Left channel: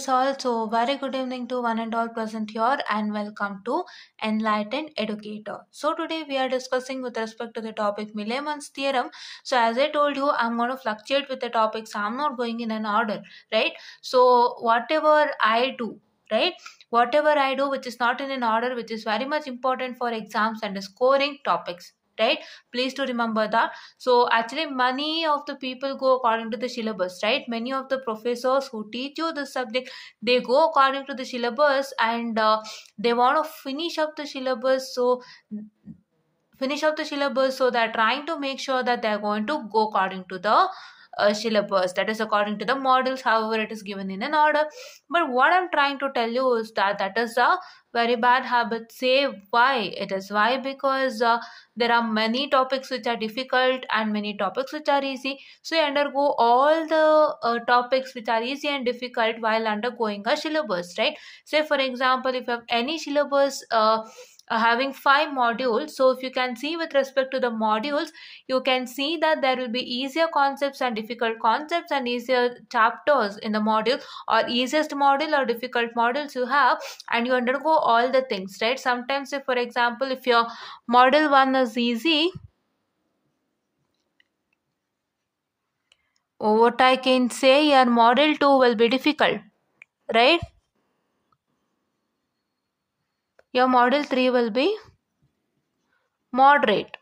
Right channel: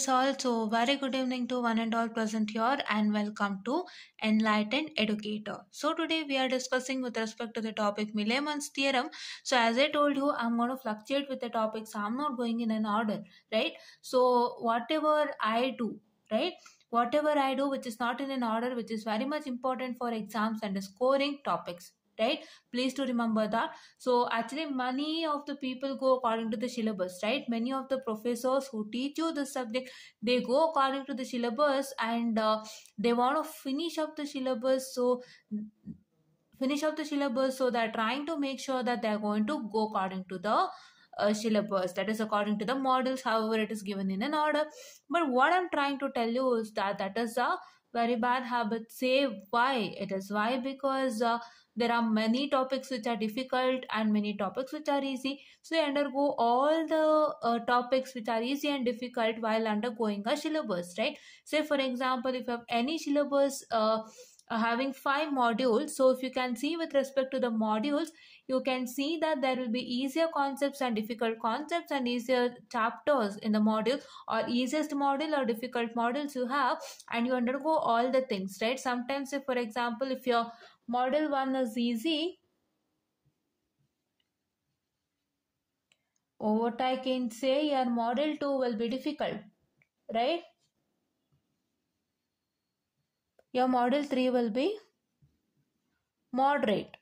yes, also very good evening to one and all present here, and welcome to Enlightened Educator. So today we are discussing with respect to the topic Milliman's theorem. So as I told you, I'm going to fluctuate with the topics. I'm not going in an order, right? So whatever I do, right? Whatever I do which is not in an order, which is very much important for exams and scoring topics, right? Please to remember that. So actually many of the people go according to the syllabus, right? Many of the professors who teach you this subject, they go according to the syllabus, and they want to finish up the syllabus. So they're trying to make sure that they're going to go according to the syllabus, that is according to the models, however it is given in an order. But what I'm trying to tell you is that that is a very bad habit. Say why it is. Why? Because there are many topics which are difficult and many topics which are easy. So you undergo all the topics which are easy and difficult while undergoing a syllabus, right? Say for example, if you have any syllabus having 5 modules, so if you can see with respect to the modules, you can see that there will be easier concepts and difficult concepts and easier chapters in the module, or easiest module or difficult modules you have, and you undergo all the things, right? Sometimes if for example if your model 1 is easy, what I can say, your model 2 will be difficult, right? Your model 3 will be moderate,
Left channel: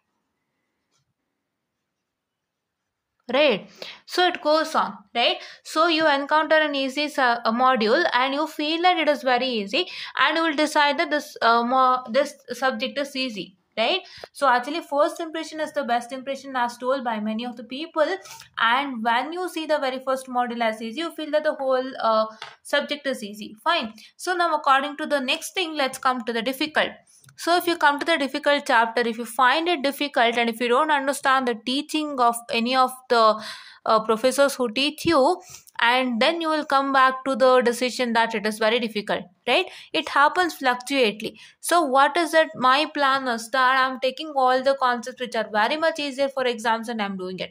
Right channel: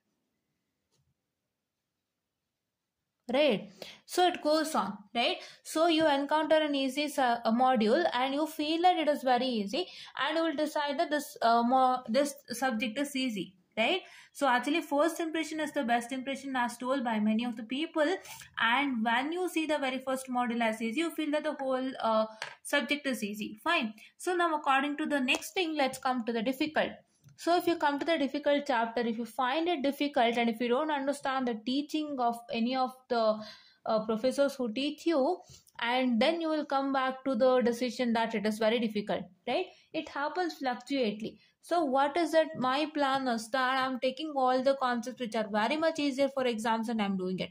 right? So it goes on, right? So you encounter an easy a module and you feel that it is very easy, and you will decide that this subject is easy, right? So actually first impression is the best impression as told by many of the people, and when you see the very first module as easy, you feel that the whole subject is easy. Fine. So now according to the next thing, let's come to the difficult. So if you come to the difficult chapter, if you find it difficult and if you don't understand the teaching of any of the professors who teach you, and then you will come back to the decision that it is very difficult, right? It happens fluctuately. So what is it? My plan is that I'm taking all the concepts which are very much easier for exams and I'm doing it,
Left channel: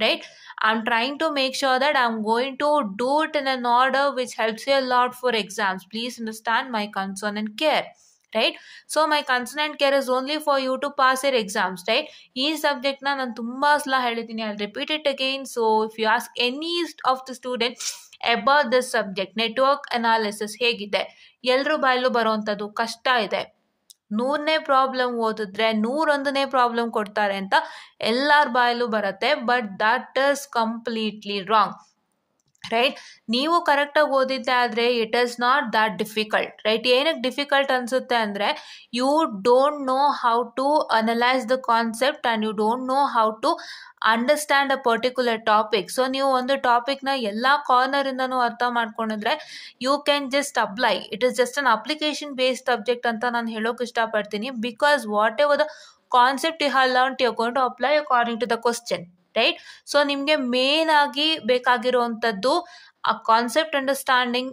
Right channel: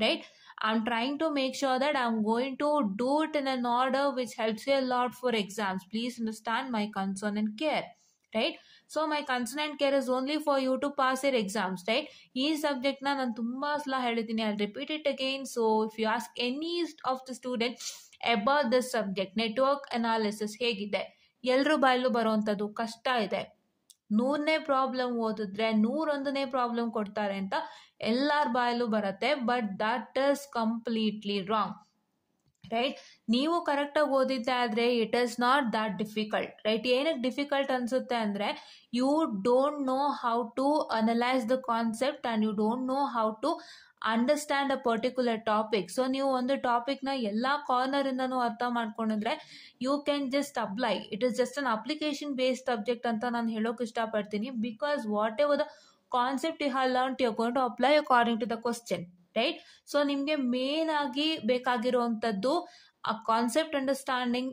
right? I'm trying to make sure that I'm going to do it in an order which helps you a lot for exams. Please understand my concern and care, right? So my concern and care is only for you to pass your exams, right? ಈ subject ನಾನು ತುಂಬಾ ಸಲ ಹೇಳಿದ್ದೀನಿ, I'll repeat it again. So if you ask any of the students about this subject, network analysis ಹೇಗಿದೆ, ಎಲ್ಲರೂ ಬಾಯಲ್ಲೂ ಬರುವಂಥದ್ದು ಕಷ್ಟ ಇದೆ. 100ನೇ ಪ್ರಾಬ್ಲಮ್ ಓದಿದ್ರೆ 101ನೇ ಪ್ರಾಬ್ಲಮ್ ಕೊಡ್ತಾರೆ ಅಂತ ಎಲ್ಲರ ಬಾಯಲ್ಲೂ ಬರುತ್ತೆ, but that is completely wrong, right? ನೀವು ಕರೆಕ್ಟಾಗಿ ಓದಿದ್ದೆ ಆದರೆ it is not that difficult, right? ಏನಕ್ಕೆ ಡಿಫಿಕಲ್ಟ್ ಅನಿಸುತ್ತೆ ಅಂದರೆ you don't know how to analyse the concept and you don't know how to understand a particular topic. So ನೀವು ಒಂದು ಟಾಪಿಕ್ನ ಎಲ್ಲ ಕಾರ್ನರಿಂದನೂ ಅರ್ಥ ಮಾಡ್ಕೊಂಡಿದ್ರೆ you can just apply. It is just an application based subject ಅಂತ ನಾನು ಹೇಳೋಕೆ ಇಷ್ಟಪಡ್ತೀನಿ. Because whatever the concept you have learned you are going to apply according to the question, right? So ನಿಮಗೆ ಮೇನ್ ಆಗಿ ಬೇಕಾಗಿರುವಂಥದ್ದು a concept understanding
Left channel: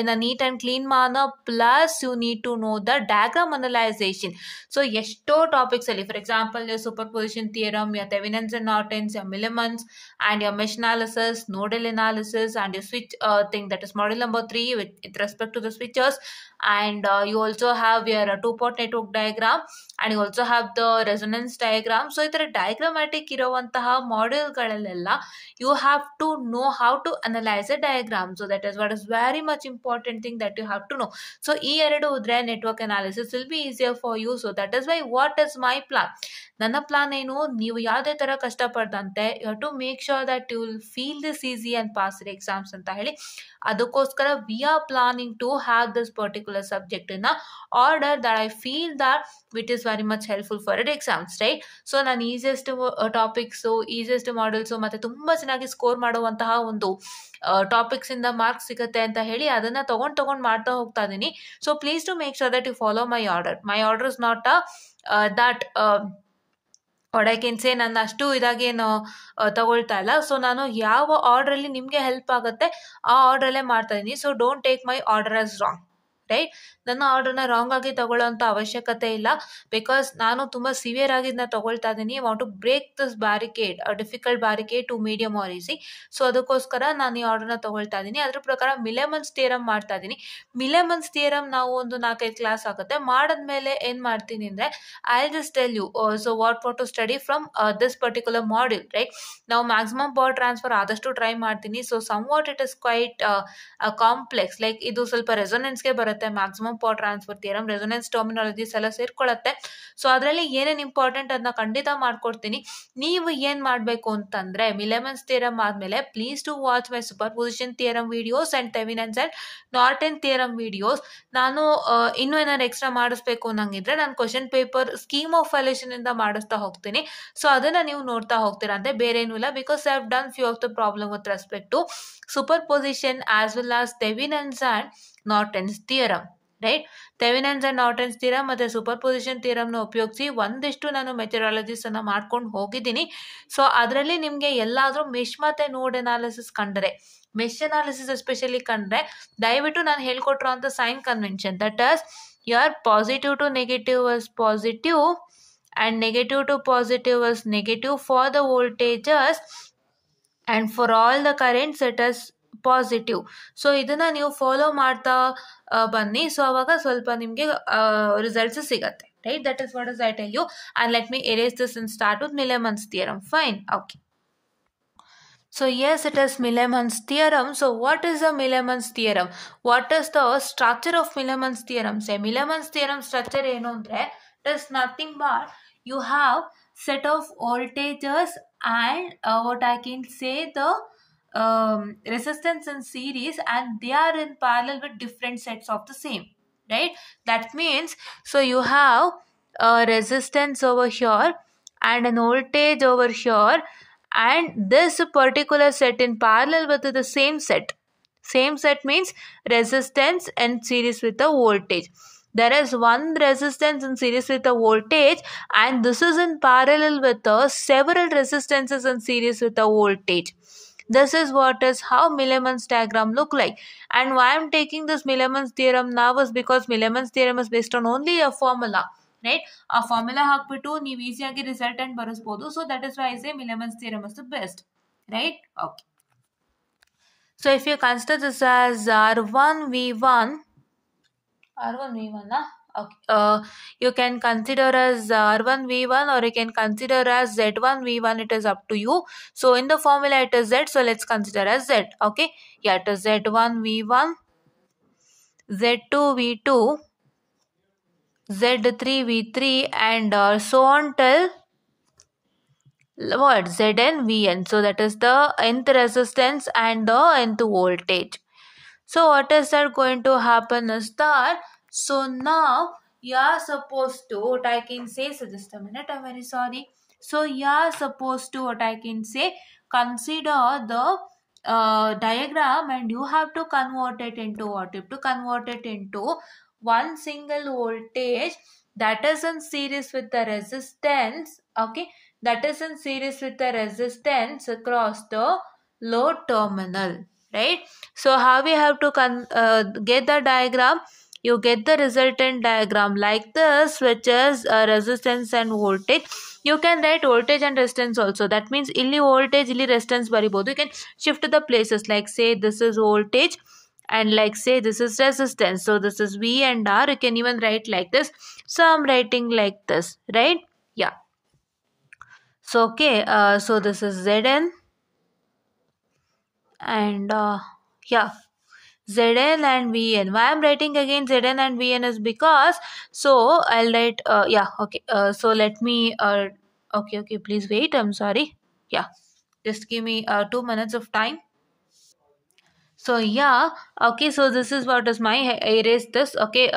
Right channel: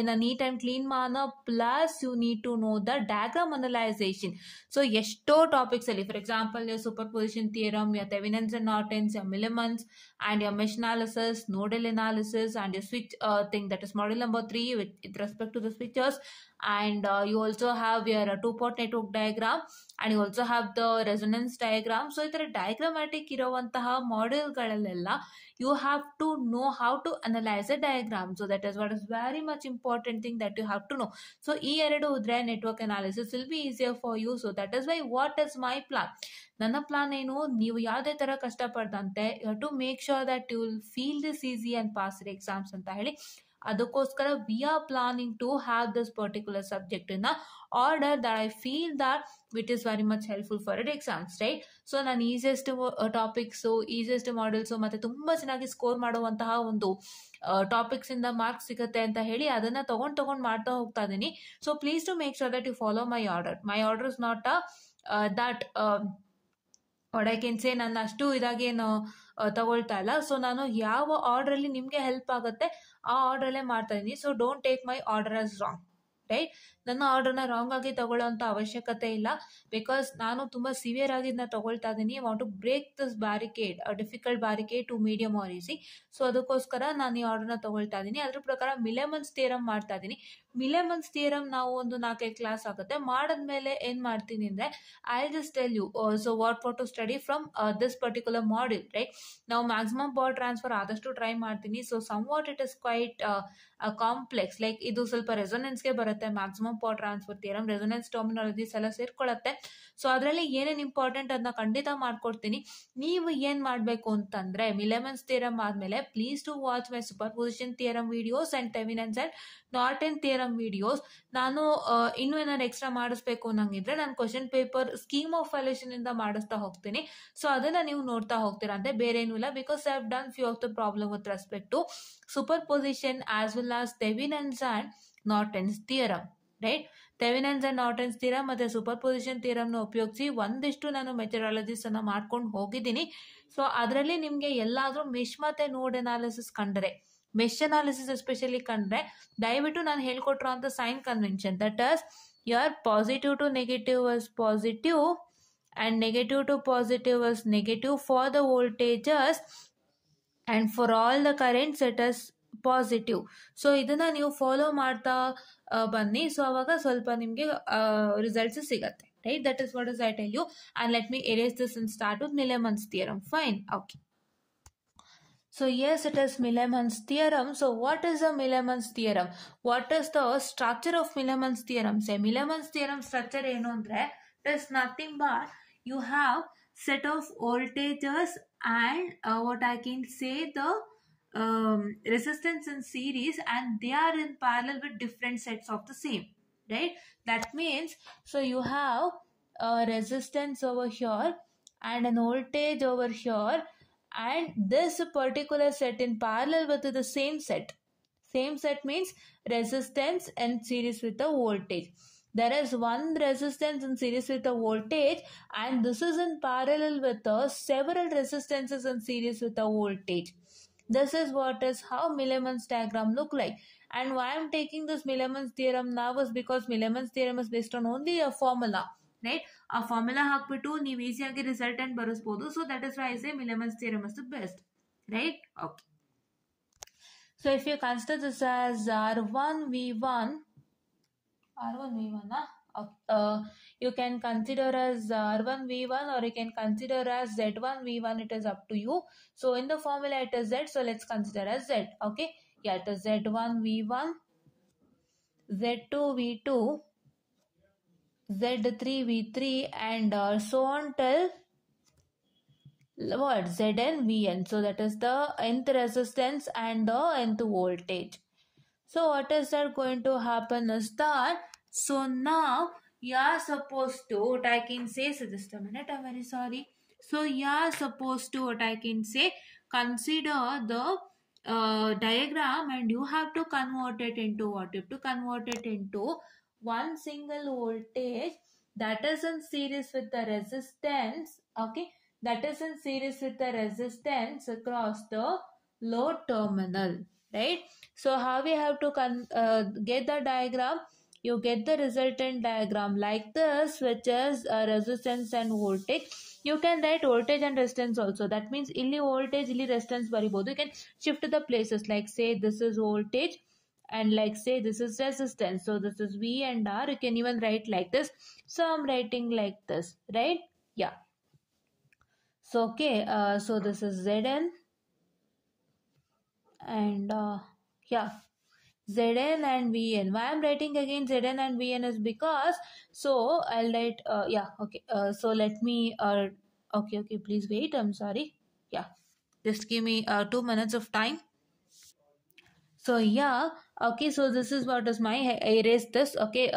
in a neat and clean manner, plus you need to know the diagram analyzation. So ಎಷ್ಟೋ topics ಅಲ್ಲಿ, for example your superposition theorem, your Thevenin's and Norton's, your Milliman's, and your mesh analysis, nodal analysis, and your switch thing, that is model number 3 with respect to the switches. And you also have your two-port network diagram, and you also have the resonance diagram. So ಈ ಥರ ಡಯಾಗ್ರಾಮ್ಯಾಟಿಕ್ ಇರುವಂತಹ ಮಾಡ್ಯೂಲ್ಗಳಲ್ಲೆಲ್ಲ you have to know how to analyze a diagram. So that is what is very much important thing that you have to know. So ಈ ಎರಡು ಇದ್ರೆ network analysis will be easier for you. So that is why what is my plan? ನನ್ನ plan ಏನು, ನೀವು ಯಾವುದೇ ಥರ ಕಷ್ಟಪಡ್ದಂತೆ you have to make sure that you will feel this easy and pass the exams ಅಂತ ಹೇಳಿ, ಅದಕ್ಕೋಸ್ಕರ we are planning to have this particular subject in order that I feel that it is very much helpful for it exams, right? So ನಾನು easiest topics, easiest models ಮತ್ತು ತುಂಬ ಚೆನ್ನಾಗಿ score ಮಾಡುವಂತಹ ಒಂದು ಟಾಪಿಕ್ಸಿಂದ marks ಸಿಗುತ್ತೆ ಅಂತ ಹೇಳಿ ಅದನ್ನು ತೊಗೊಂಡು ಮಾಡ್ತಾ ಹೋಗ್ತಾ ಇದ್ದೀನಿ. So please to make sure that you follow my order. My order is not that what I can say, ನಾನು ಅಷ್ಟು ಇದಾಗೇನು ತಗೊಳ್ತಾ ಇಲ್ಲ. ಸೊ ನಾನು ಯಾವ ಆರ್ಡ್ರಲ್ಲಿ ನಿಮಗೆ ಹೆಲ್ಪ್ ಆಗುತ್ತೆ ಆ ಆರ್ಡ್ರಲ್ಲೇ ಮಾಡ್ತಾ ಇದ್ದೀನಿ. So don't take my order as wrong, right. ನನ್ನ ಆರ್ಡರ್ನ ರಾಂಗ್ ಆಗಿ ತಗೊಳ್ಳೋಂಥ ಅವಶ್ಯಕತೆ ಇಲ್ಲ, ಬಿಕಾಸ್ ನಾನು ತುಂಬ ಸಿವಿಯರ್ ಆಗಿ ಇದನ್ನ ತಗೊಳ್ತಾ ಇದ್ದೀನಿ. Want to break this barricade, difficult barricade to medium or easy. So ಅದಕ್ಕೋಸ್ಕರ ನಾನು ಈ ಆರ್ಡರ್ನ ತಗೊಳ್ತಾ ಇದ್ದೀನಿ. ಅದ್ರ ಪ್ರಕಾರ ಮಿಲೆಮನ್ಸ್ ಥಿಯರಮ್ ಮಾಡ್ತಾ ಇದ್ದೀನಿ. ಮಿಲೆಮನ್ಸ್ ಥಿಯರಮ್ ನಾವು ಒಂದು 4-5 ಕ್ಲಾಸ್ ಆಗುತ್ತೆ. ಮಾಡಿದ್ಮೇಲೆ ಏನು ಮಾಡ್ತೀನಿ ಅಂದರೆ I just tell you so what to study from this particular module, right. ನಾವು ಮ್ಯಾಕ್ಸಿಮಮ್ ಪವರ್ ಟ್ರಾನ್ಸ್ಫರ್ ಆದಷ್ಟು ಟ್ರೈ ಮಾಡ್ತೀನಿ. So somewhat it is quite complex, like ಇದು ಸ್ವಲ್ಪ ರೆಸೊನೆನ್ಸ್ಗೆ ಬರುತ್ತೆ. Maximum power transfer theorem, resonance terminologies ಎಲ್ಲ ಸೇರ್ಕೊಳ್ಳುತ್ತೆ. So ಅದರಲ್ಲಿ ಏನೇನು ಇಂಪಾರ್ಟೆಂಟ್ ಅದನ್ನ ಖಂಡಿತ ಮಾಡ್ಕೊಡ್ತೀನಿ. ನೀವು ಏನು ಮಾಡಬೇಕು ಅಂತಂದರೆ ಮಿಲೆಮನ್ಸ್ ಥಿಯರಮ್ ಆದಮೇಲೆ please to watch my superposition theorem videos and Thevenin's and Norton theorem videos. ನಾನು ಇನ್ನೂ ಏನಾದ್ರು ಎಕ್ಸ್ಟ್ರಾ ಮಾಡಿಸ್ಬೇಕು ಅನ್ನಂಗಿದ್ರೆ ನಾನು question paper scheme of valuation ಇಂದ ಮಾಡಿಸ್ತಾ ಹೋಗ್ತೀನಿ. ಸೊ ಅದನ್ನು ನೀವು ನೋಡ್ತಾ ಹೋಗ್ತೀರಾ ಅಂತೆ, ಬೇರೆ ಏನೂ ಇಲ್ಲ. Because I have done few of the problem with respect to superposition as well as Thevenin's and Norton's theorem, right. Thevenin's and Norton's theorem ಮತ್ತು ಸೂಪರ್ ಪೊಸಿಷನ್ ಥಿಯರಮ್ನ ಉಪಯೋಗಿಸಿ ಒಂದಿಷ್ಟು ನಾನು ಮೆಥಡಾಲಜೀಸನ್ನು ಮಾಡ್ಕೊಂಡು ಹೋಗಿದ್ದೀನಿ. ಸೊ ಅದರಲ್ಲಿ ನಿಮಗೆ ಎಲ್ಲಾದರೂ ಮೆಶ್ ಮತ್ತು ನೋಡ್ ಅನಾಲಿಸಿಸ್ ಕಂಡರೆ, ಮೆಶ್ ಅನಾಲಿಸಿಸ್ ಎಸ್ಪೆಷಲಿ ಕಂಡ್ರೆ ದಯವಿಟ್ಟು ನಾನು ಹೇಳ್ಕೊಟ್ರೋ ಅಂತ sign convention, that as your positive to negative was positive and negative to positive was negative for the voltages and for all the currents it is positive. So ಇದನ್ನು ನೀವು follow ಮಾಡ್ತಾ ಬನ್ನಿ. So ಅವಾಗ ಸ್ವಲ್ಪ ನಿಮಗೆ ರಿಸಲ್ಟ್ಸ್ ಸಿಗತ್ತೆ, right. That is what is I tell you. And let me erase this and start with Millman's theorem. Fine, okay. So yes, it is Milemann's theorem. So what is the Milemann's theorem? What is the structure of Milemann's theorem? Say Milemann's theorem structure ಏನು ಅಂದರೆ it is nothing but you have set of voltages and what I can say the resistance in series, and they are in parallel with different sets of the same, right? That means so you have a resistance over here and an voltage over here, and this particular set in parallel with the same set. Same set means resistance in series with the voltage. There is one resistance in series with the voltage, and this is in parallel with the several resistances in series with the voltage. This is what is how Milemann's diagram look like. And why I am taking this Milemann's theorem now is because Milemann's theorem is based on only a formula, right? ಆ formula ಹಾಕ್ಬಿಟ್ಟು ನೀವು ಈಸಿಯಾಗಿ resultant ಬರೆಸ್ಬೋದು. So that is why I say Millman's theorem is the best, right. Okay. So if you consider this as R1V1, okay. You can consider as R1V1 or you can consider as Z1V1. It is up to you. So in the formula it is Z. So let's consider as Z. Okay. Yeah, it is Z1V1, Z2V2, Z3V3 and so on till what? ZnVn. So that is the nth resistance and the nth voltage. So what is that going to happen is that, so now you are supposed to, what I can say, so just a minute, I'm very sorry. So you are supposed to, what I can say, consider the diagram, and you have to convert it into what? You have to convert it into one single voltage that is in series with the resistance, okay, that is in series with the resistance across the load terminal, right? So how we have to get the diagram? You get the resultant diagram like this, which is resistance and voltage. You can write voltage and resistance also. That means illi voltage, illi resistance baribodu. You can shift the places, like say this is voltage and like say this is resistance. So this is V and R. You can even write like this. So I'm writing like this, right? Yeah. So okay, so this is Zn and yeah, Zn and Vn. Why I'm writing again Zn and Vn is because, so I'll write yeah, okay. So let me okay, please wait, I'm sorry. Yeah, just give me 2 minutes of time. So yeah, okay, so this is what is my, I erase this, okay,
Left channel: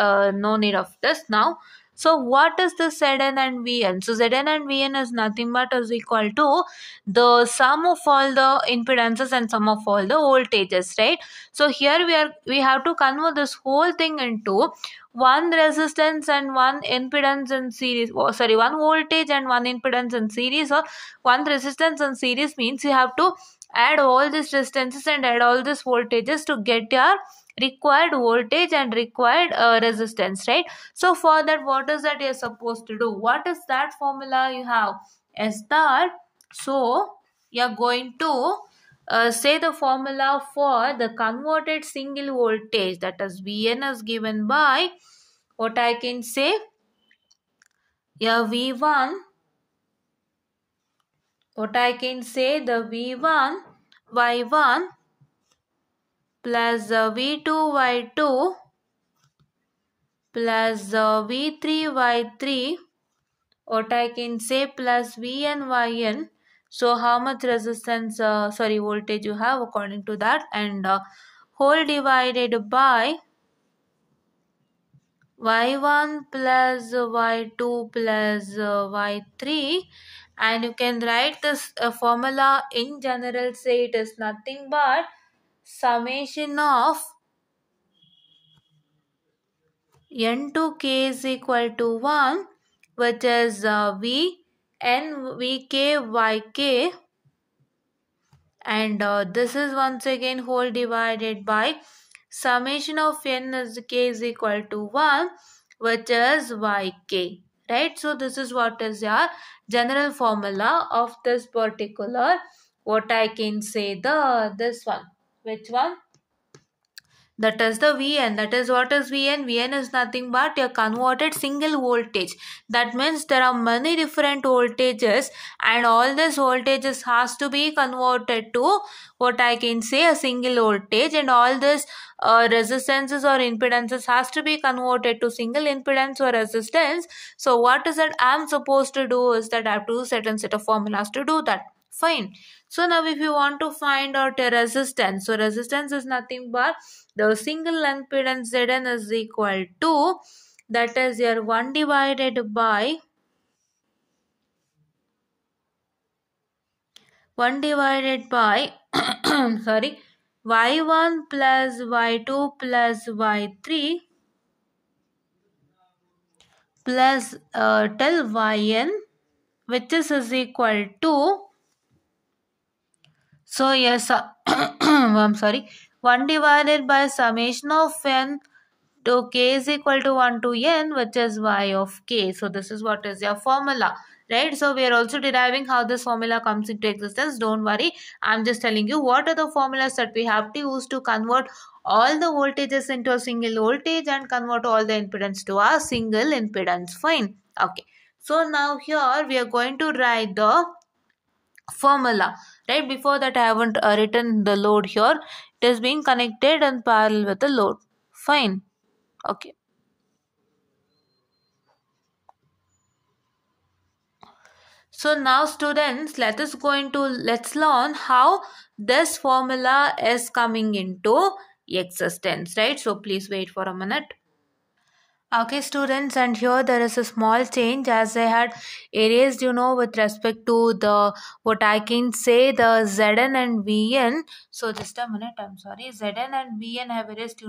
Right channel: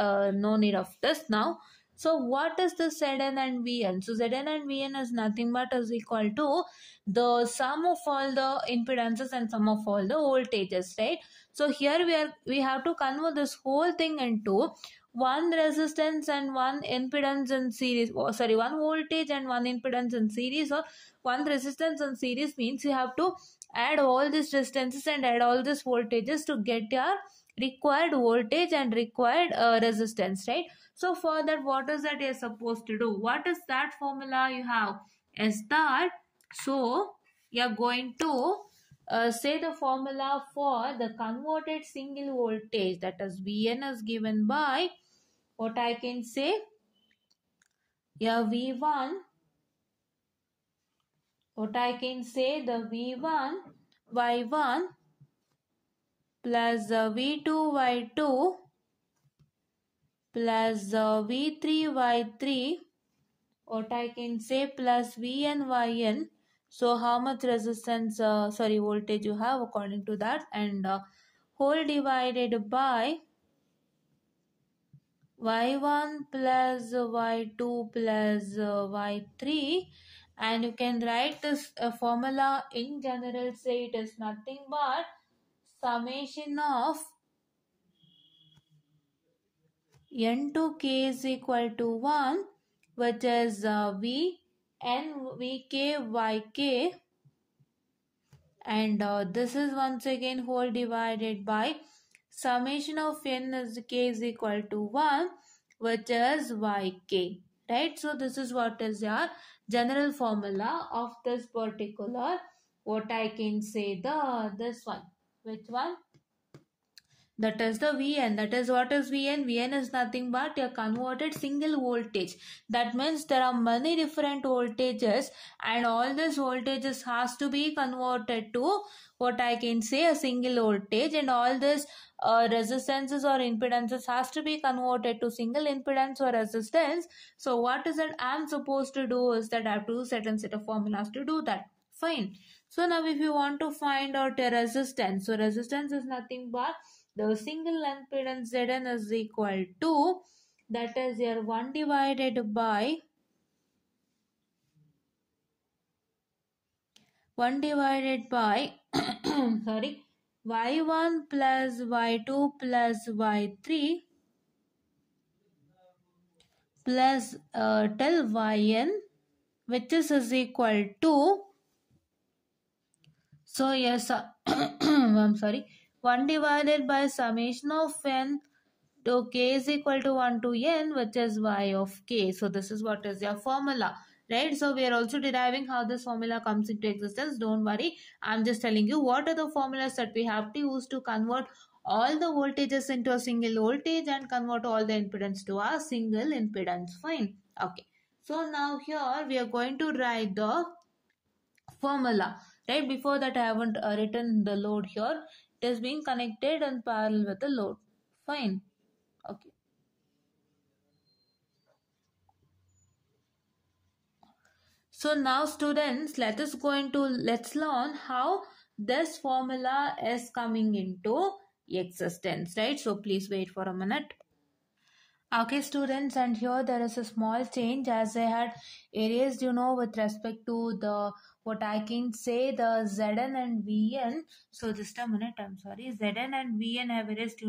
no need of this now. So what is the Zn and Vn? So Zn and Vn is nothing but is equal to the sum of all the impedances and sum of all the voltages, right? So here we have to convert this whole thing into one resistance and one impedance in series. Oh, sorry, one voltage and one impedance in series, or one resistance in series means you have to add all these resistances and add all these voltages to get your required voltage and required resistance, right? So for that, what is that you're supposed to do? What is that formula you have? Is that, so you're going to say the formula for the converted single voltage, that is Vn is given by, what I can say, yeah, V1, what I can say, the V1 Y1 plus V2 Y2 plus V3 Y3, what I can say, plus Vn Yn. So how much resistance, voltage you have according to that, and whole divided by Y1 plus Y2 plus Y3, and you can write this formula in general, say it is nothing but summation of n to k is equal to 1, which is V n Vk Yk, and this is once again whole divided by summation of n as k is equal to 1, which is Yk, right? So this is what is your general formula of this particular, what I can say, the this one, which one, that is the Vn. That is, what is Vn? Vn is nothing but your converted single voltage. That means there are many different voltages, and all these voltages has to be converted to, what I can say, a single voltage, and all this resistances or impedances has to be converted to single impedance or resistance. So what is that I am supposed to do is that I have to do certain set of formulas to do that. Fine. So now if you want to find out a resistance, so resistance is nothing but the single impedance Zn is equal to, that is your 1 divided by sorry, Y1 plus Y2 plus Y3 plus del Yn, which is equal to, so yes, I'm sorry, 1 divided by summation of n to k is equal to 1 to n, which is y of k. So this is what is your formula, right? So we are also deriving how this formula comes into existence. Don't worry, I'm just telling you what are the formulas that we have to use to convert all the voltages into a single voltage and convert all the impedance to a single impedance. Fine. Okay. So now here we are going to write the formula, right? Before that I haven't written the load here. It is being connected in parallel with the load. Fine. Okay. So now students, let's learn how this formula is coming into existence, right? So please wait for a minute. Okay students, and here there is a small change as I had erased, with respect to the, what I can say, the Zn and Vn. So just a minute, I'm sorry, Zn and Vn have erased,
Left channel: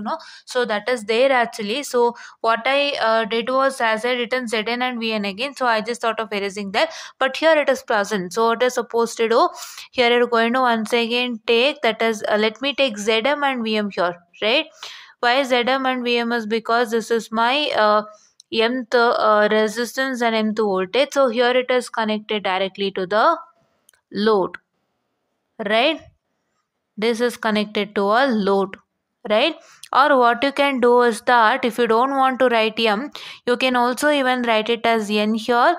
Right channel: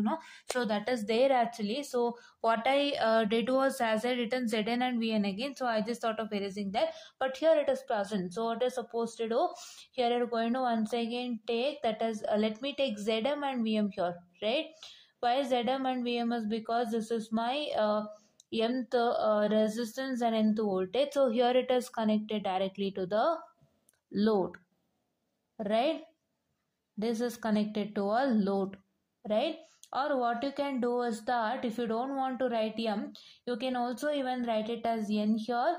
so that is there actually. So what I did was, as I written Zn and Vn again, so I just thought of erasing that, but here it is present. So what is supposed to do, here you're going to once again take, that is, let me take Zm and Vm here, right? Why Zm and Vm is because this is my mth resistance and mth voltage. So here it is connected directly to the load, right? This is connected to a load, right? Or what you can do is that if you don't want to write m, you can also even write it as n here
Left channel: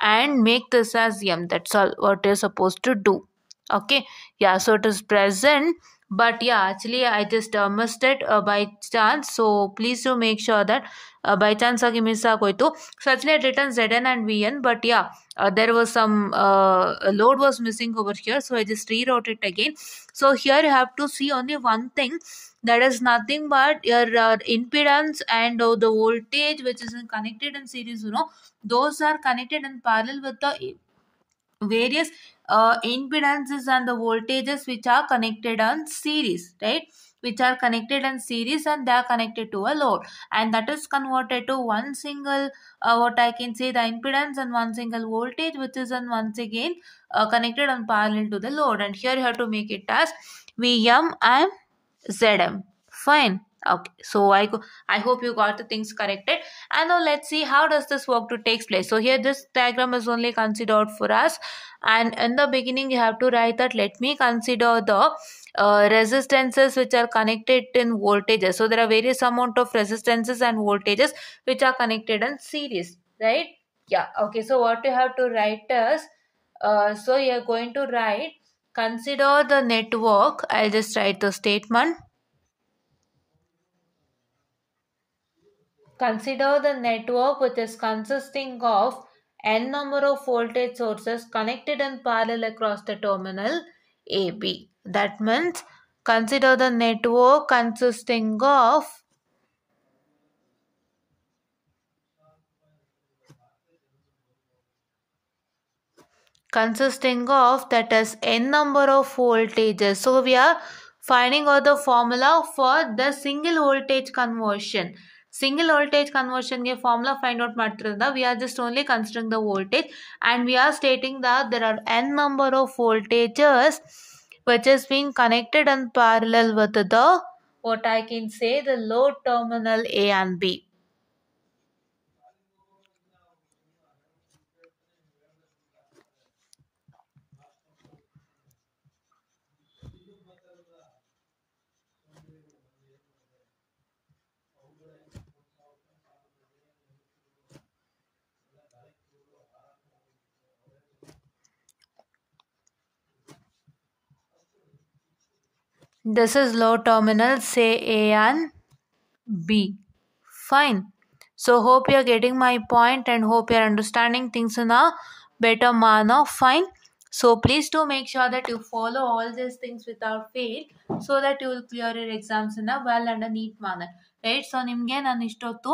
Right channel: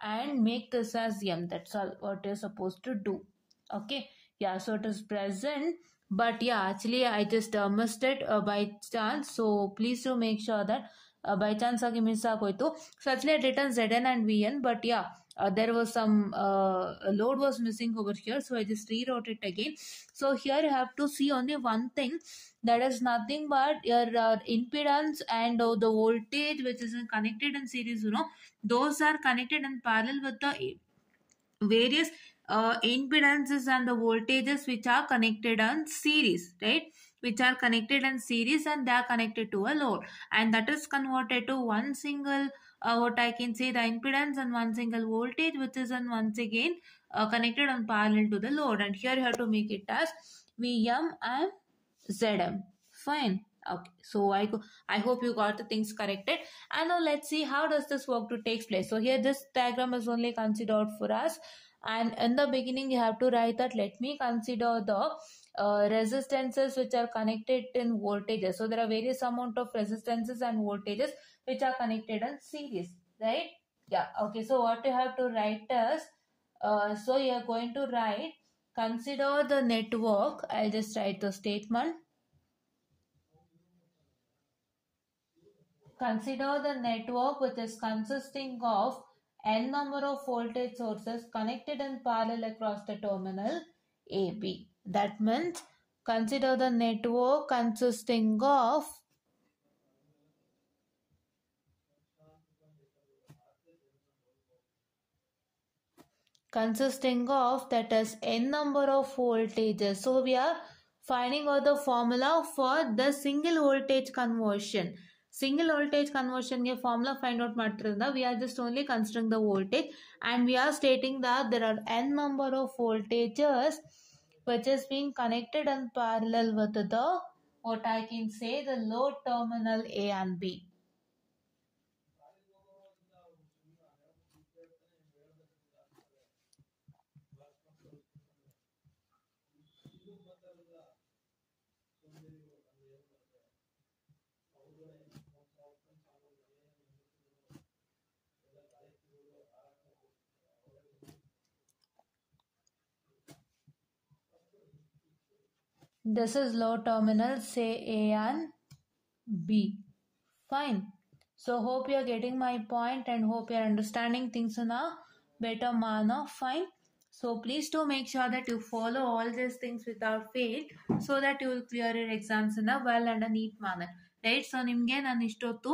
and make this as m. That's all what you're supposed to do. Okay, yeah, so it is present, but yeah, actually I just missed it by chance. So please do make sure that by chance agi miss agoitu. So actually I written Zn and Vn, but yeah, there was some load was missing over here, so I just rewrote it again. So here you have to see only one thing, that is nothing but your impedance and the voltage which is connected in series, those are connected in parallel with the various impedances and the voltages which are connected on series, right? Which are connected in series and they are connected to a load, and that is converted to one single what I can say, the impedance, and one single voltage which is once again connected on parallel to the load, and here you have to make it as Vm and Zm. Fine. Okay, so I hope you got the things corrected. And now let's see how does this work to takes place. So here this diagram is only considered for us, and in the beginning you have to write that let me consider the resistances which are connected in voltages. So there are various amount of resistances and voltages which are connected in series, right? Yeah. Okay, so what you have to write is so you're going to write consider the network. I'll just write the statement. Consider the network which is consisting of n number of voltage sources connected in parallel across the terminal AB. That means consider the network consisting of that is n number of voltages. So we are finding out the formula for the single voltage conversion. Single voltage conversion ಗೆ formula find out ಮಾಡ್ತಿರೋದ್ರಿಂದ we are just only considering the voltage, and we are stating that there are n number of voltages which is being connected in parallel with the what I can say the load terminal A and B. This is load terminal, say A and B. Fine. So hope you are getting my point and hope you are understanding things in a better manner. Fine. So please do make sure that you follow all these things without fail so that you will clear your exams in a well and a neat manner. Right? So ನಿಮಗೆ ನಾನು ಇಷ್ಟೊತ್ತು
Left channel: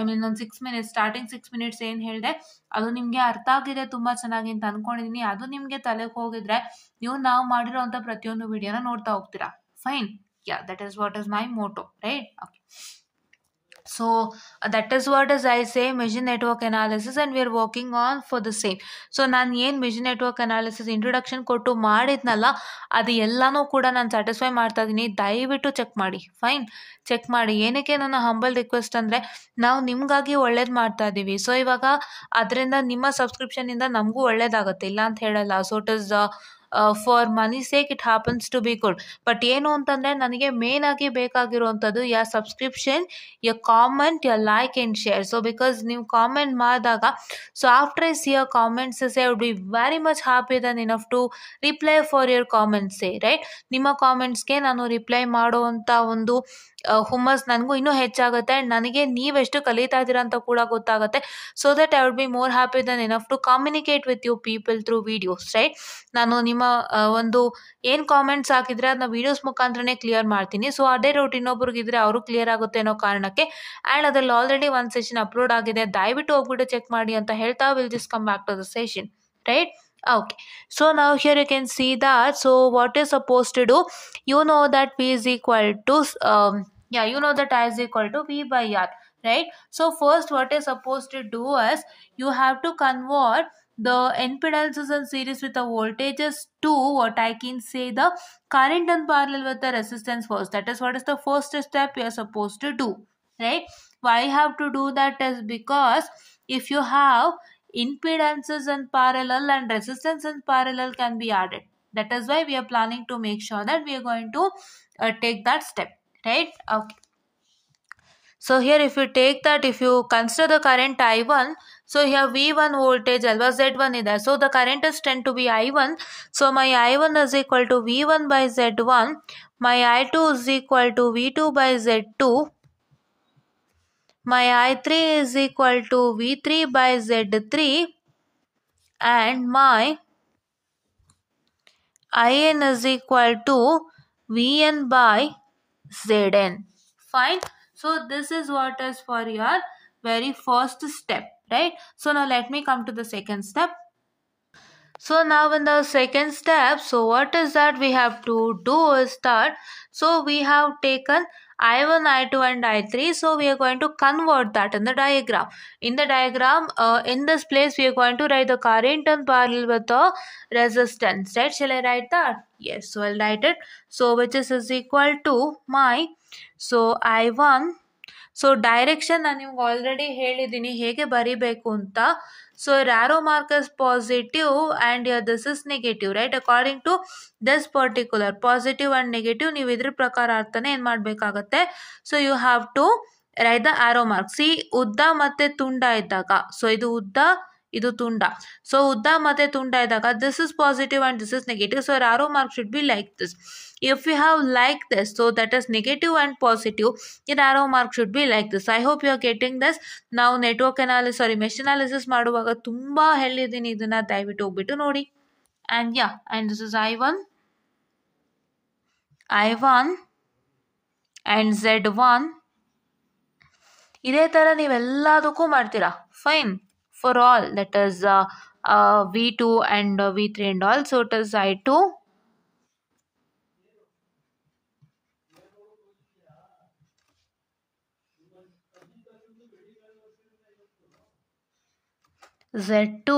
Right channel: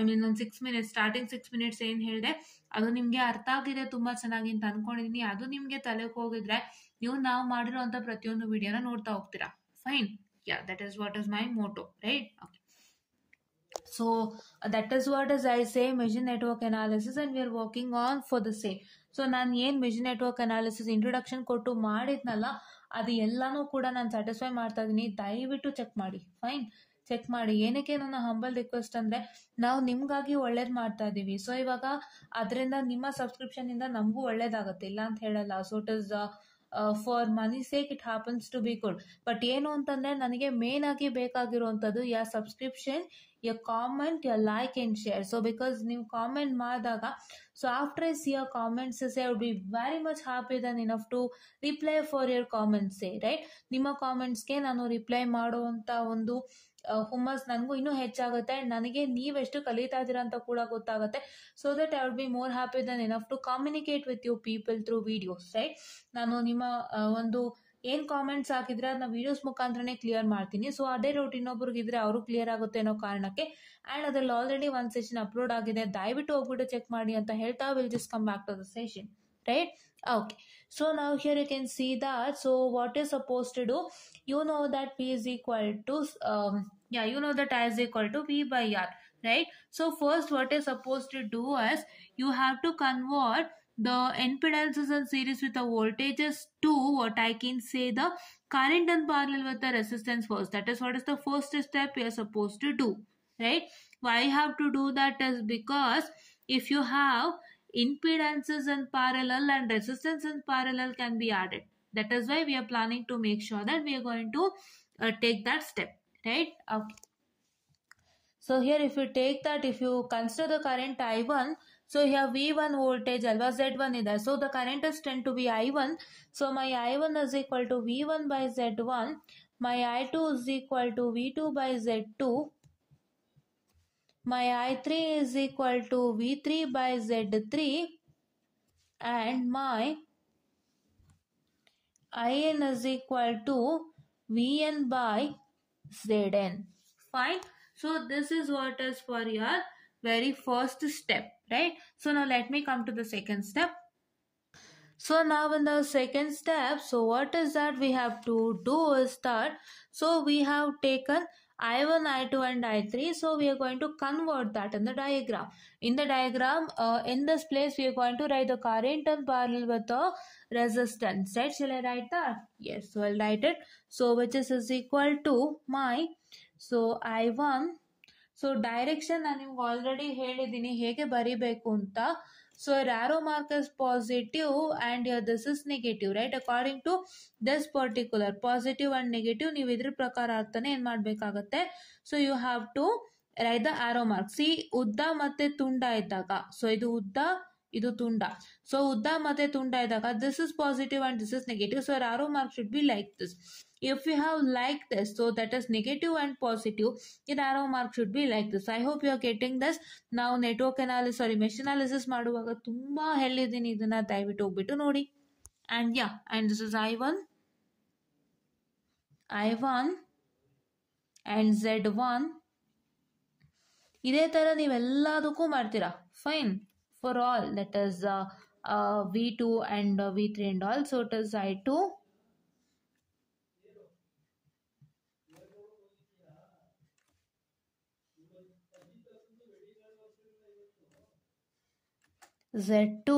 I mean ಒಂದು 6 minutes starting 6 minutes ಏನು ಹೇಳಿದೆ ಅದು ನಿಮಗೆ ಅರ್ಥ ಆಗಿದೆ ತುಂಬ ಚೆನ್ನಾಗಿ ಅಂತ ಅನ್ಕೊಂಡಿದ್ದೀನಿ. ಅದು ನಿಮಗೆ ತಲೆಗೆ ಹೋಗಿದ್ರೆ ನೀವು ನಾವು ಮಾಡಿರೋಂಥ ಪ್ರತಿಯೊಂದು ವಿಡಿಯೋನ ನೋಡ್ತಾ ಹೋಗ್ತೀರಾ. Fine. Yeah, that is what is my motto, right? Okay. So that is what as I say machine network analysis, and we are working on for the same. So ನಾನು ಏನು machine network analysis ಇಂಟ್ರೊಡಕ್ಷನ್ ಕೊಟ್ಟು ಮಾಡಿದ್ನಲ್ಲ ಅದು ಎಲ್ಲನೂ ಕೂಡ ನಾನು satisfy ಮಾಡ್ತಾ ಇದ್ದೀನಿ. ದಯವಿಟ್ಟು ಚೆಕ್ ಮಾಡಿ. ಫೈನ್, ಚೆಕ್ ಮಾಡಿ. ಏನಕ್ಕೆ ನನ್ನ ಹಂಬಲ್ ರಿಕ್ವೆಸ್ಟ್ ಅಂದರೆ ನಾವು ನಿಮಗಾಗಿ ಒಳ್ಳೇದು ಮಾಡ್ತಾ ಇದ್ದೀವಿ. ಸೊ ಇವಾಗ ಅದರಿಂದ ನಿಮ್ಮ ಸಬ್ಸ್ಕ್ರಿಪ್ಷನಿಂದ ನಮಗೂ ಒಳ್ಳೇದಾಗುತ್ತೆ, ಇಲ್ಲ ಅಂತ ಹೇಳಲ್ಲ. So it is for money sake it happens to be good. But ಏನು ಅಂತಂದರೆ ನನಗೆ ಮೇನ್ ಆಗಿ ಬೇಕಾಗಿರುವಂಥದ್ದು ಯಾ ಸಬ್ಸ್ಕ್ರಿಪ್ಷನ್, ಯಾ ಕಾಮೆಂಟ್, ಯಾ like and share. So because ನೀವು ಕಾಮೆಂಟ್ ಮಾಡಿದಾಗ so after I see your comments I would be very much happy Dhan enough to reply for your comments, right? ನಿಮ್ಮ ಕಾಮೆಂಟ್ಸ್ಗೆ ನಾನು ರಿಪ್ಲೈ ಮಾಡುವಂಥ ಒಂದು ಹುಮ್ಮಸ್ ನನಗೂ ಇನ್ನೂ ಹೆಚ್ಚಾಗುತ್ತೆ, ಆ್ಯಂಡ್ ನನಗೆ ನೀವೆಷ್ಟು ಕಲಿತಾ ಇದ್ದೀರಾ ಅಂತ ಕೂಡ ಗೊತ್ತಾಗುತ್ತೆ. So that I would be more happy Dhan enough to communicate with you people through videos, right? ನಾನು ನಿಮ್ಮ ಒಂದು ಏನು ಕಾಮೆಂಟ್ಸ್ ಹಾಕಿದರೆ ಅದನ್ನ ವೀಡಿಯೋಸ್ ಮುಖಾಂತರನೇ ಕ್ಲಿಯರ್ ಮಾಡ್ತೀನಿ. ಸೊ ಅದೇ ಡೌಟ್ ಇನ್ನೊಬ್ರಿಗಿದ್ರೆ ಅವರು ಕ್ಲಿಯರ್ ಆಗುತ್ತೆ ಅನ್ನೋ ಕಾರಣಕ್ಕೆ. ಆ್ಯಂಡ್ ಅದರಲ್ಲಿ ಆಲ್ರೆಡಿ ಒಂದು ಸೆಷನ್ ಅಪ್ಲೋಡ್ ಆಗಿದೆ, ದಯವಿಟ್ಟು ಹೋಗ್ಬಿಟ್ಟು ಚೆಕ್ ಮಾಡಿ ಅಂತ ಹೇಳ್ತಾ will just come back to the session, right? Okay, so now here you can see that. So what is supposed to do, you know that V is equal to you know that I is equal to V by R, right? So first what you're supposed to do is you have to convert the impedances in series with the voltages to what I can say the current in parallel with the resistance first. That is what is the first step you are supposed to do, right? Why you have to do that is because if you have impedances in parallel and resistance in parallel can be added. That is why we are planning to make sure that we are going to take that step, right? Okay. So here if you take that, if you consider the current I1, so here V1 voltage alwa Z1 is there. So the current is tend to be I1. So my I1 is equal to V1 by Z1. My I2 is equal to V2 by Z2. My I3 is equal to V3 by Z3, and my IN is equal to VN by ZN. Fine. So this is what is for your very first step, right? So now let me come to the second step. So now in the second step, so what is that we have to do is that, so we have taken I1, I2 and I3. So we are going to convert that in the diagram. In the diagram, in this place we are going to write the current in parallel with the resistance, right? Shall I write that? Yes, so I'll write it. So which is equal to my so I1. So direction ನಾನು ನಿಮ್ಗೆ already ಹೇಳಿದ್ದೀನಿ ಹೇಗೆ ಬರಿಬೇಕು ಅಂತ. So arrow mark is positive and here this is negative, right? According to this particular positive and negative, ನೀವು ಇದ್ರ ಪ್ರಕಾರ ಅರ್ಥನೇ ಏನು ಮಾಡಬೇಕಾಗತ್ತೆ. So you have to write the arrow mark. ಸಿ ಉದ್ದ ಮತ್ತು ತುಂಡ ಇದ್ದಾಗ, ಸೊ ಇದು ಉದ್ದ ಇದು ತುಂಡ. ಸೊ ಉದ್ದ ಮತ್ತು ತುಂಡ ಇದ್ದಾಗ this is positive and this is negative. So arrow mark should be like this. If you have like this, so that is negative and positive, your arrow mark should be like this. I hope you are getting this. ನಾವು network analysis ಸಾರಿ mesh analysis ಮಾಡುವಾಗ ತುಂಬ ಹೇಳಿದ್ದೀನಿ, ಇದನ್ನು ದಯವಿಟ್ಟು ಹೋಗ್ಬಿಟ್ಟು ನೋಡಿ. And yeah and this is I1 and Z1. ಇದೇ ಥರ ನೀವೆಲ್ಲದಕ್ಕೂ ಮಾಡ್ತೀರಾ. Fine for all, that is V2 and V3 and all. So it is I2 Z2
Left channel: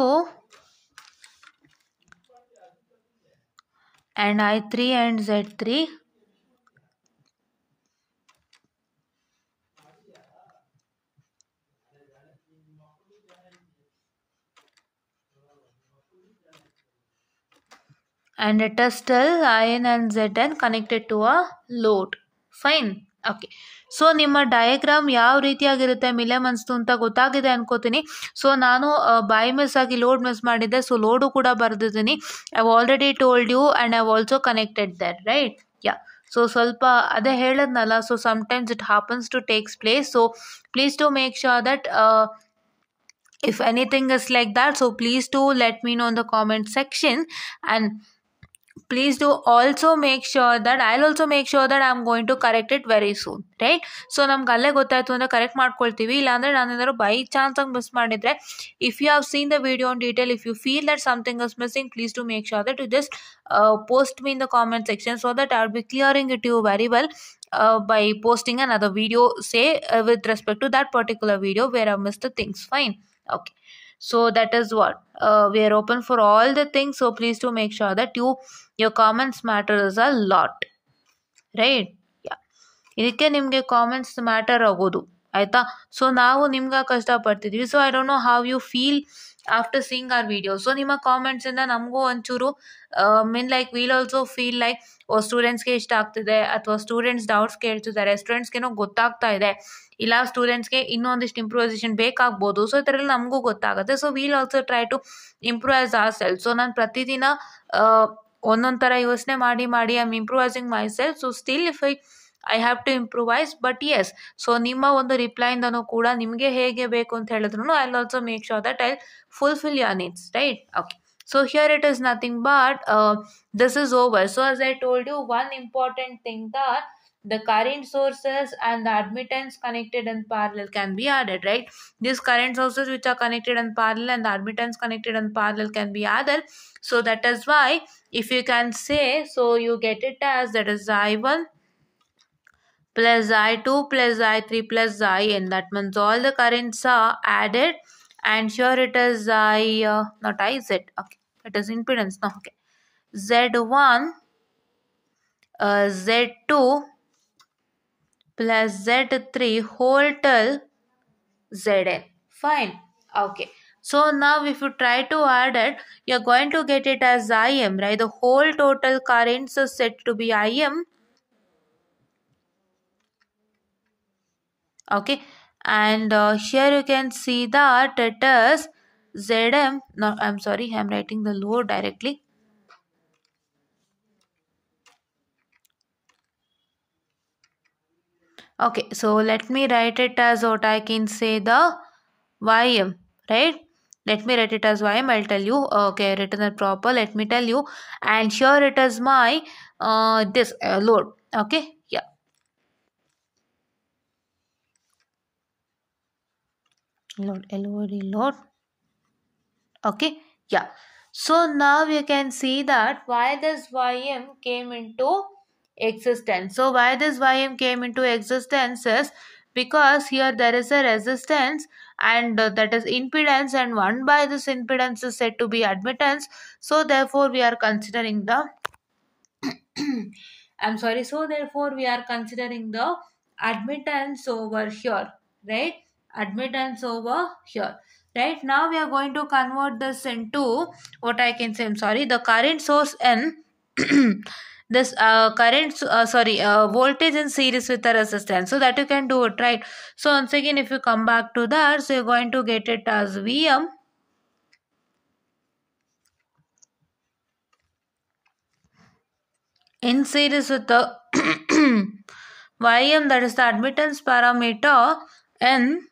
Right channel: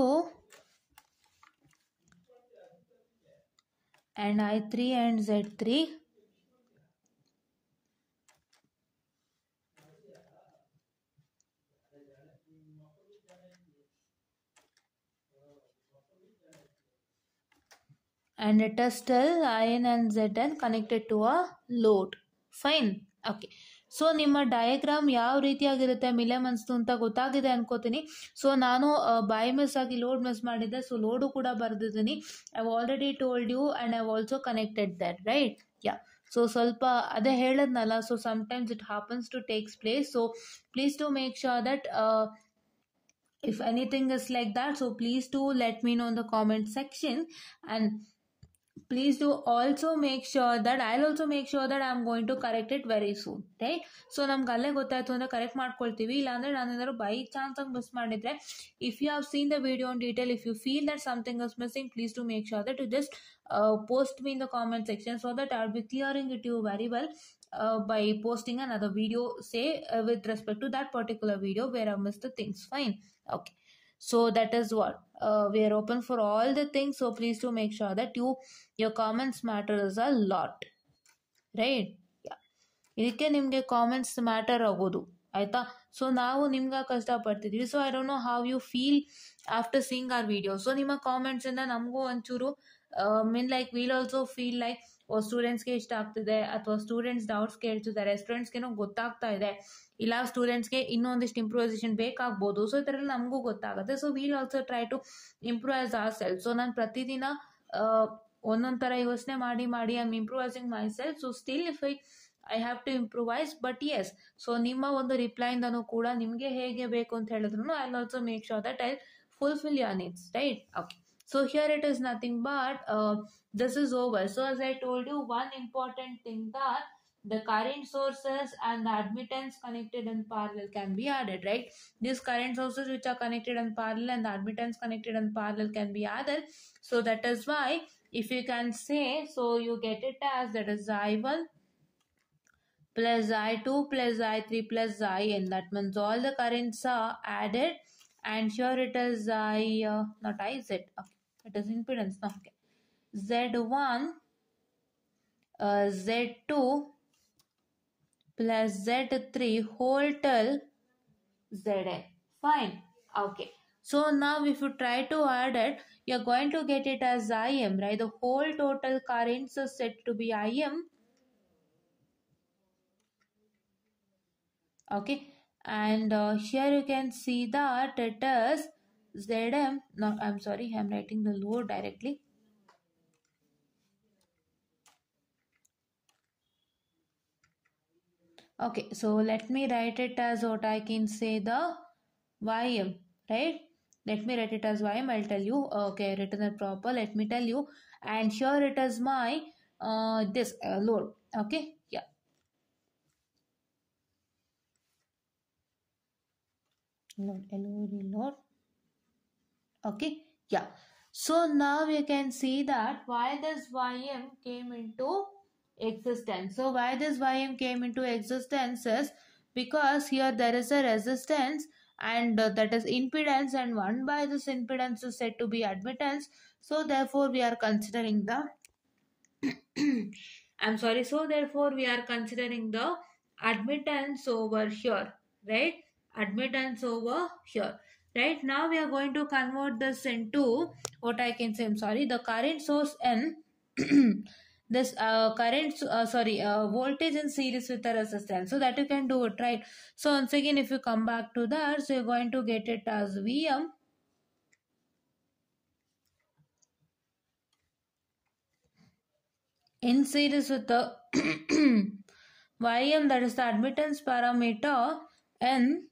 and I3 and Z3. And it is still IN and ZN connected to a load. Fine. Okay. So ನಿಮ್ಮ diagram ಯಾವ ರೀತಿಯಾಗಿರುತ್ತೆ Millman ಅನಿಸ್ತು ಅಂತ ಗೊತ್ತಾಗಿದೆ ಅನ್ಕೋತೀನಿ. So ನಾನು by miss ಆಗಿ load miss ಮಾಡಿದ್ದೆ. ಸೊ ಲೋಡು ಕೂಡ ಬರೆದಿದ್ದೀನಿ. I already told you and I also connected there, right? Yeah. So ಸ್ವಲ್ಪ ಅದೇ ಹೇಳಿದ್ನಲ್ಲ, so sometimes it happens to takes place. So please to make sure that if anything is like that, so please do let me know in the comment section. And please do also make sure that I'll also make sure that I'm going to correct it very soon, right? So ನಮ್ಗೆ ಅಲ್ಲೇ ಗೊತ್ತಾಯ್ತು ಅಂದರೆ correct ಮಾಡ್ಕೊಳ್ತೀವಿ. ಇಲ್ಲಾಂದರೆ ನಾನು ಏನಾದ್ರು by ಚಾನ್ಸಾಗಿ miss ಮಾಡಿದರೆ, if you have seen the video in detail, if you feel that something is missing, please to make sure that you just post me in the comment section so that I'll be clearing it to you very well by posting another video, say with respect to that particular video where I missed the things. Fine. Okay. So that is what we are open for all the things. So please do make sure that your comments matters a lot, right? Yeah. ಇದಕ್ಕೆ ನಿಮಗೆ comments matter ಆಗೋದು, ಆಯಿತಾ? So ನಾವು ನಿಮ್ಗೆ ಕಷ್ಟಪಡ್ತಿದ್ವಿ. So I don't know how you feel after seeing our video. So ನಿಮ್ಮ ಕಾಮೆಂಟ್ಸಿಂದ ನಮಗೂ ಒಂಚೂರು like we'll also feel like ಸ್ಟೂಡೆಂಟ್ಸ್ಗೆ ಇಷ್ಟ ಆಗ್ತಿದೆ, ಅಥವಾ ಸ್ಟೂಡೆಂಟ್ಸ್ ಡೌಟ್ಸ್ ಕೇಳ್ತಿದ್ದಾರೆ, ಸ್ಟೂಡೆಂಟ್ಸ್ಗೇನೋ ಗೊತ್ತಾಗ್ತಾ ಇದೆ, ಇಲ್ಲ ಸ್ಟೂಡೆಂಟ್ಸ್ಗೆ ಇನ್ನೊಂದಿಷ್ಟು ಇಂಪ್ರೂವೈಸೇಷನ್ ಬೇಕಾಗ್ಬೋದು. ಸೊ ಈ ಥರ ಎಲ್ಲ ನಮಗೂ ಗೊತ್ತಾಗುತ್ತೆ. So we'll also try to improvise our self. So ನಾನು ಪ್ರತಿದಿನ ಒಂದೊಂದು ಥರ ಯೋಚನೆ ಮಾಡಿ I am improvising myself. So still if I have to improvise, but yes, so ನಿಮ್ಮ ಒಂದು ರಿಪ್ಲೈಯಿಂದನೂ ಕೂಡ ನಿಮಗೆ ಹೇಗೆ ಬೇಕು ಅಂತ ಹೇಳಿದ್ರು I will also make sure that I fulfill your needs, right? Okay. So here it is nothing but this is over. So as I told you, one important thing that the current sources and the admittance connected in parallel can be added, right? These current sources which are connected in parallel and the admittance connected in parallel can be added. So that is why if you can say, so you get it as that is I1 plus I2 plus I3 plus IN. That means all the currents are added. And sure it is not IZ, okay, it is impedance now. Okay, Z1 Z2 plus Z3 whole till Zn. Fine. Okay, so now if you try to add it, you're going to get it as Im, right? The whole total currents is said to be Im. Okay. And here you can see that it is Zm. No, I'm sorry, I'm writing the load directly. Okay, so let me write it as what I can say the Ym, right? Let me write it as Ym. I'll tell you. Okay, written it proper. Let me tell you. And here it is my this load. Okay, yeah. Load. Okay, yeah. So now you can see that why this Ym came into existence. So why this Ym came into existence is because here there is a resistance and that is impedance, and 1 by this impedance is said to be admittance. So therefore we are considering the I'm sorry. So therefore we are considering the admittance over here, right? Admittance over here. Right now we are going to convert this into what I can say. I'm sorry, the current source N this voltage in series with the resistance, so that you can do it, right? So once again, if you come back to that, so you're going to get it as Vm in series with the Ym, that is the admittance parameter, N,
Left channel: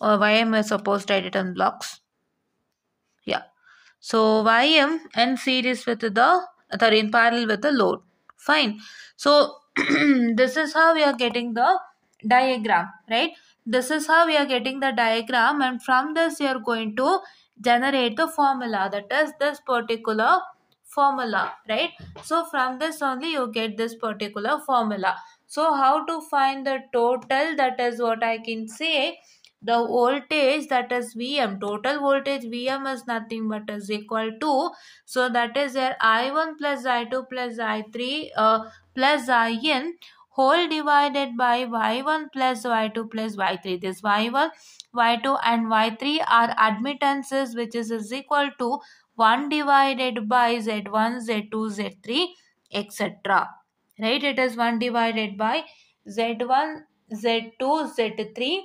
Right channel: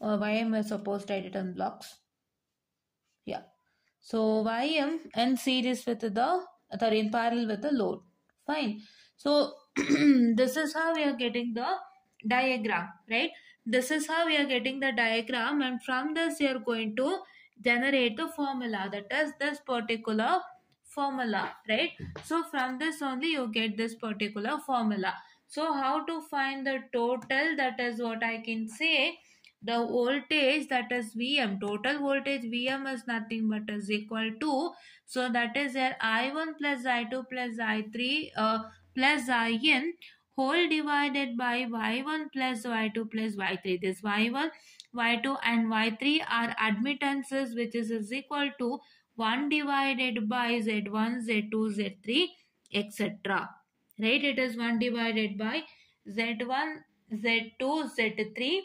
or Ym is supposed to write it in blocks. Yeah. So Ym and series with the, sorry, in parallel with the load. Fine. So this is how we are getting the diagram, right? This is how we are getting the diagram, and from this we are going to generate the formula, that is this particular formula, right? So from this only you get this particular formula. So how to find the total, that is what I can say. The voltage, that is Vm, total voltage Vm is nothing but is equal to, so that is your I1 plus I2 plus I3 plus In whole divided by Y1 plus Y2 plus Y3. This Y1, Y2 and Y3 are admittances, which is equal to 1 divided by Z1, Z2, Z3, etc. Right? It is 1 divided by Z1, Z2, Z3,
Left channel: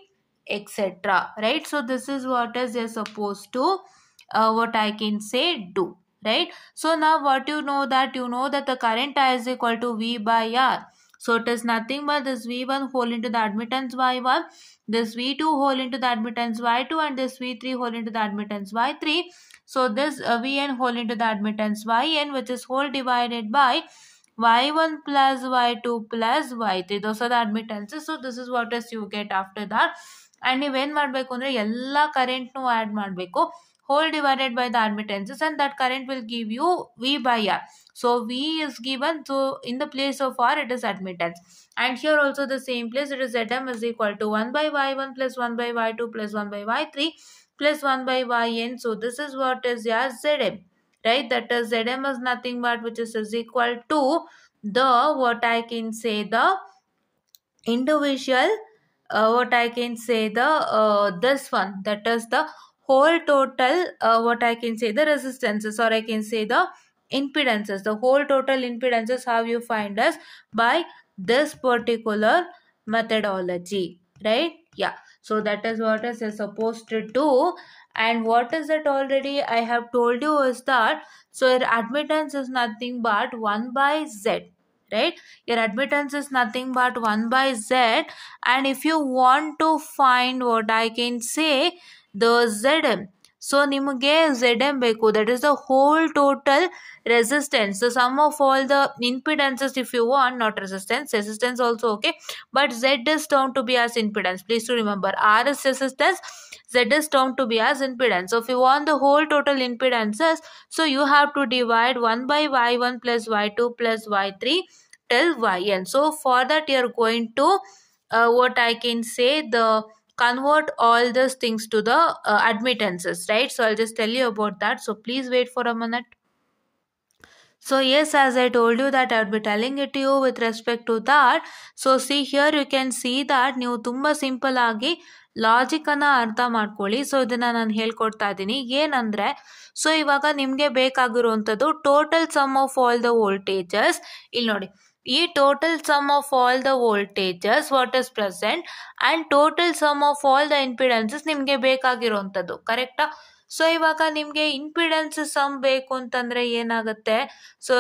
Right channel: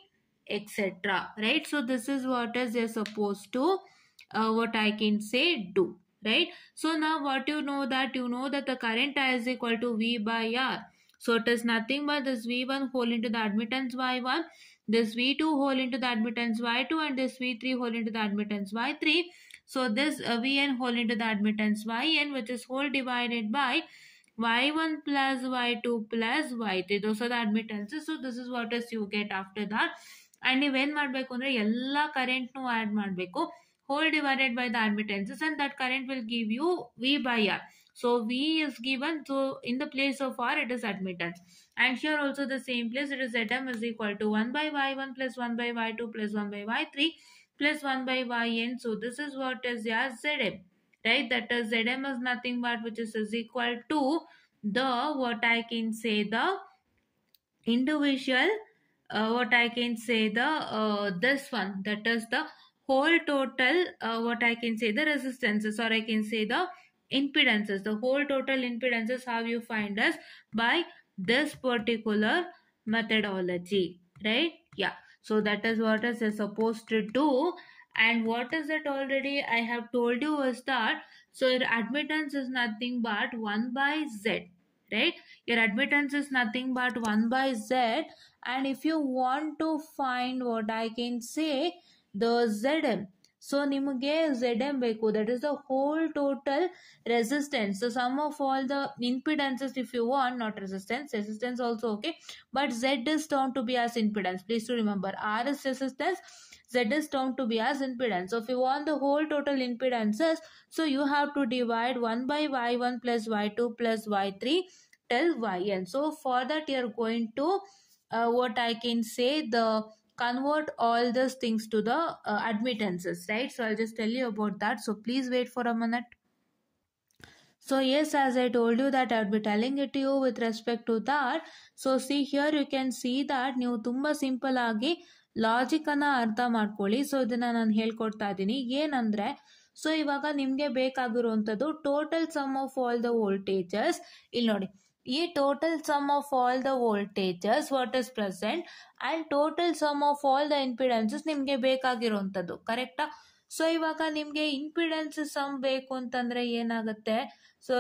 etc. Right? So this is what is you're supposed to what I can say do. Right? So now what you know that the current I is equal to V by R. So it is nothing but this V1 whole into the admittance Y1, this V2 whole into the admittance Y2, and this V3 whole into the admittance Y3. So this Vn whole into the admittance Yn, which is whole divided by Y1 plus Y2 plus Y3. Those are the admittances. So this is what is you get after that. And ನೀವೇನು ಮಾಡಬೇಕು ಅಂದರೆ ಎಲ್ಲ ಕರೆಂಟ್ನು add ಮಾಡಬೇಕು, whole divided by the admittances, and that current will give you V by R. So V is given, so in the place of R it is admittance, and here also the same place, it is Zm is equal to 1 by Y1 plus 1 by Y2 plus 1 by Y3 plus 1 by Yn. So this is what is your Zm, right? That is Zm is nothing but which is equal to the what I can say the individual what I can say the this one, that is the whole total what I can say the resistances, or I can say the impedances, the whole total impedances, how you find us by this particular methodology, right? Yeah. So that is what is you're supposed to do. And what is it already I have told you is that, so your admittance is nothing but 1 by Z, right? Your admittance is nothing but 1 by Z, and if you want to find what I can say the Zm, so ನಿಮಗೆ Zm ಬೇಕು, that is the whole total resistance, the sum of all the impedances if you want, not resistance also okay, but Z is termed to be as impedance. Please to remember, R is resistance, Z is termed to be as impedance. So if you want the whole total impedances, so you have to divide 1 by Y1 plus Y2 plus Y3 till Yn. So for that you are going to what I can say the convert all these things to the admittances, right? So I'll just tell you about that, so please wait for a minute. So yes, as I told you that I'll be telling it to you with respect to that. So see here you can see that ನೀವು ತುಂಬ simple ಆಗಿ ಲಾಜಿಕನ್ನು ಅರ್ಥ ಮಾಡ್ಕೊಳ್ಳಿ. So ಇದನ್ನು ನಾನು ಹೇಳ್ಕೊಡ್ತಾ ಇದ್ದೀನಿ ಏನಂದರೆ, ಸೊ ಇವಾಗ ನಿಮಗೆ ಬೇಕಾಗಿರುವಂಥದ್ದು total sum of all the voltages. ಇಲ್ಲಿ ನೋಡಿ, ಈ total sum of all the voltages what is present and total sum of all the impedances ನಿಮಗೆ ಬೇಕಾಗಿರೋವಂಥದ್ದು, ಕರೆಕ್ಟಾ? ಸೊ ಇವಾಗ ನಿಮಗೆ ಇಂಪಿಡೆನ್ಸ್ ಸಮ್ ಬೇಕು ಅಂತಂದರೆ ಏನಾಗುತ್ತೆ, so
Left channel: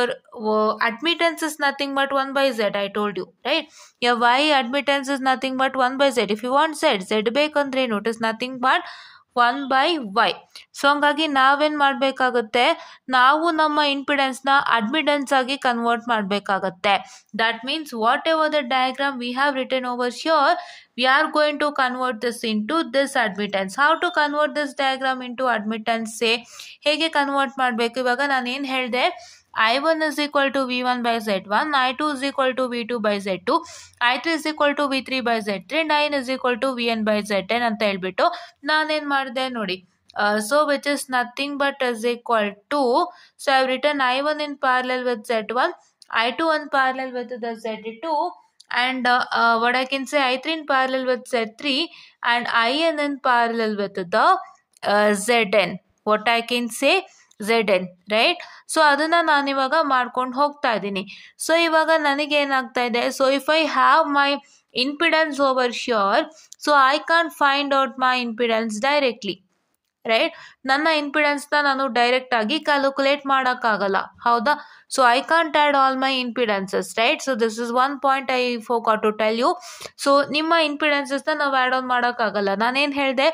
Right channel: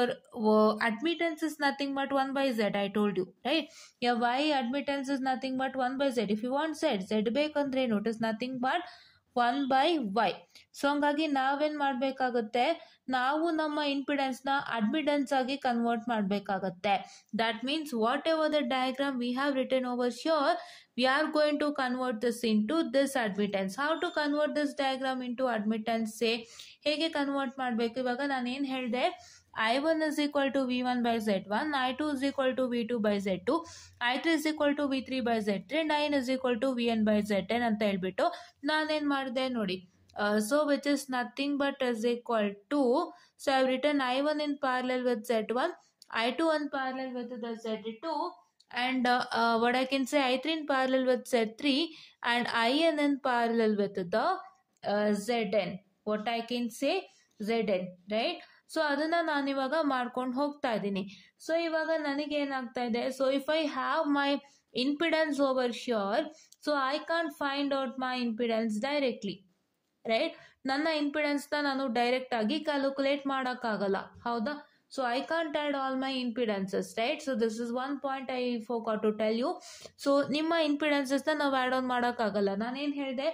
admittance is nothing but 1 by Z, I told you right. Y admittance is nothing but 1 by Z. If you want Z ಬೇಕಂದ್ರೆ ಏನು, it is nothing but 1 by Y. So ಹಂಗಾಗಿ ನಾವೇನು ಮಾಡಬೇಕಾಗುತ್ತೆ, ನಾವು ನಮ್ಮ ಇಂಪಿಡೆನ್ಸ್ನ ಅಡ್ಮಿಟೆನ್ಸ್ ಆಗಿ ಕನ್ವರ್ಟ್ ಮಾಡಬೇಕಾಗತ್ತೆ. That means whatever the diagram we have written over sure, we are going to convert this into this admittance. How to convert this diagram into admittance, say ಹೇಗೆ convert ಮಾಡಬೇಕು? ಇವಾಗ ನಾನು ಏನು ಹೇಳಿದೆ, I1 is equal to V1 by Z1, I2 is equal to V2 by Z2, I3 is equal to V3 by Z3, and In is equal to Vn by Zn ಅಂತ ಹೇಳ್ಬಿಟ್ಟು ನಾನೇನು ಮಾಡಿದೆ ನೋಡಿ. So which is nothing but is equal to, so I have written I1 in parallel with Z1, I2 in parallel with the Z2, and what I can say, I3 in parallel with Z3, and IN in parallel with the ZN. What I can say, ZN, right? So ಅದನ್ನ ನಾನು ಇವಾಗ ಮಾಡ್ಕೊಂಡು ಹೋಗ್ತಾ ಇದ್ದೀನಿ. So ಇವಾಗ ನನಗೆ ಏನಾಗ್ತಾ ಇದೆ, so if I have my impedance over here, so I can't find out my impedance directly, right? ನನ್ನ ಇಂಪಿಡೆನ್ಸ್ನ ನಾನು ಡೈರೆಕ್ಟ್ ಆಗಿ ಕ್ಯಾಲ್ಕುಲೇಟ್ ಮಾಡೋಕ್ಕಾಗಲ್ಲ, ಹೌದಾ? So I can't add all my impedances, right? So this is one point I forgot to tell you. So ನಿಮ್ಮ ಇಂಪಿಡೆನ್ಸಸ್ನ ನಾವು add on ಮಾಡೋಕ್ಕಾಗಲ್ಲ. ನಾನೇನು ಹೇಳಿದೆ,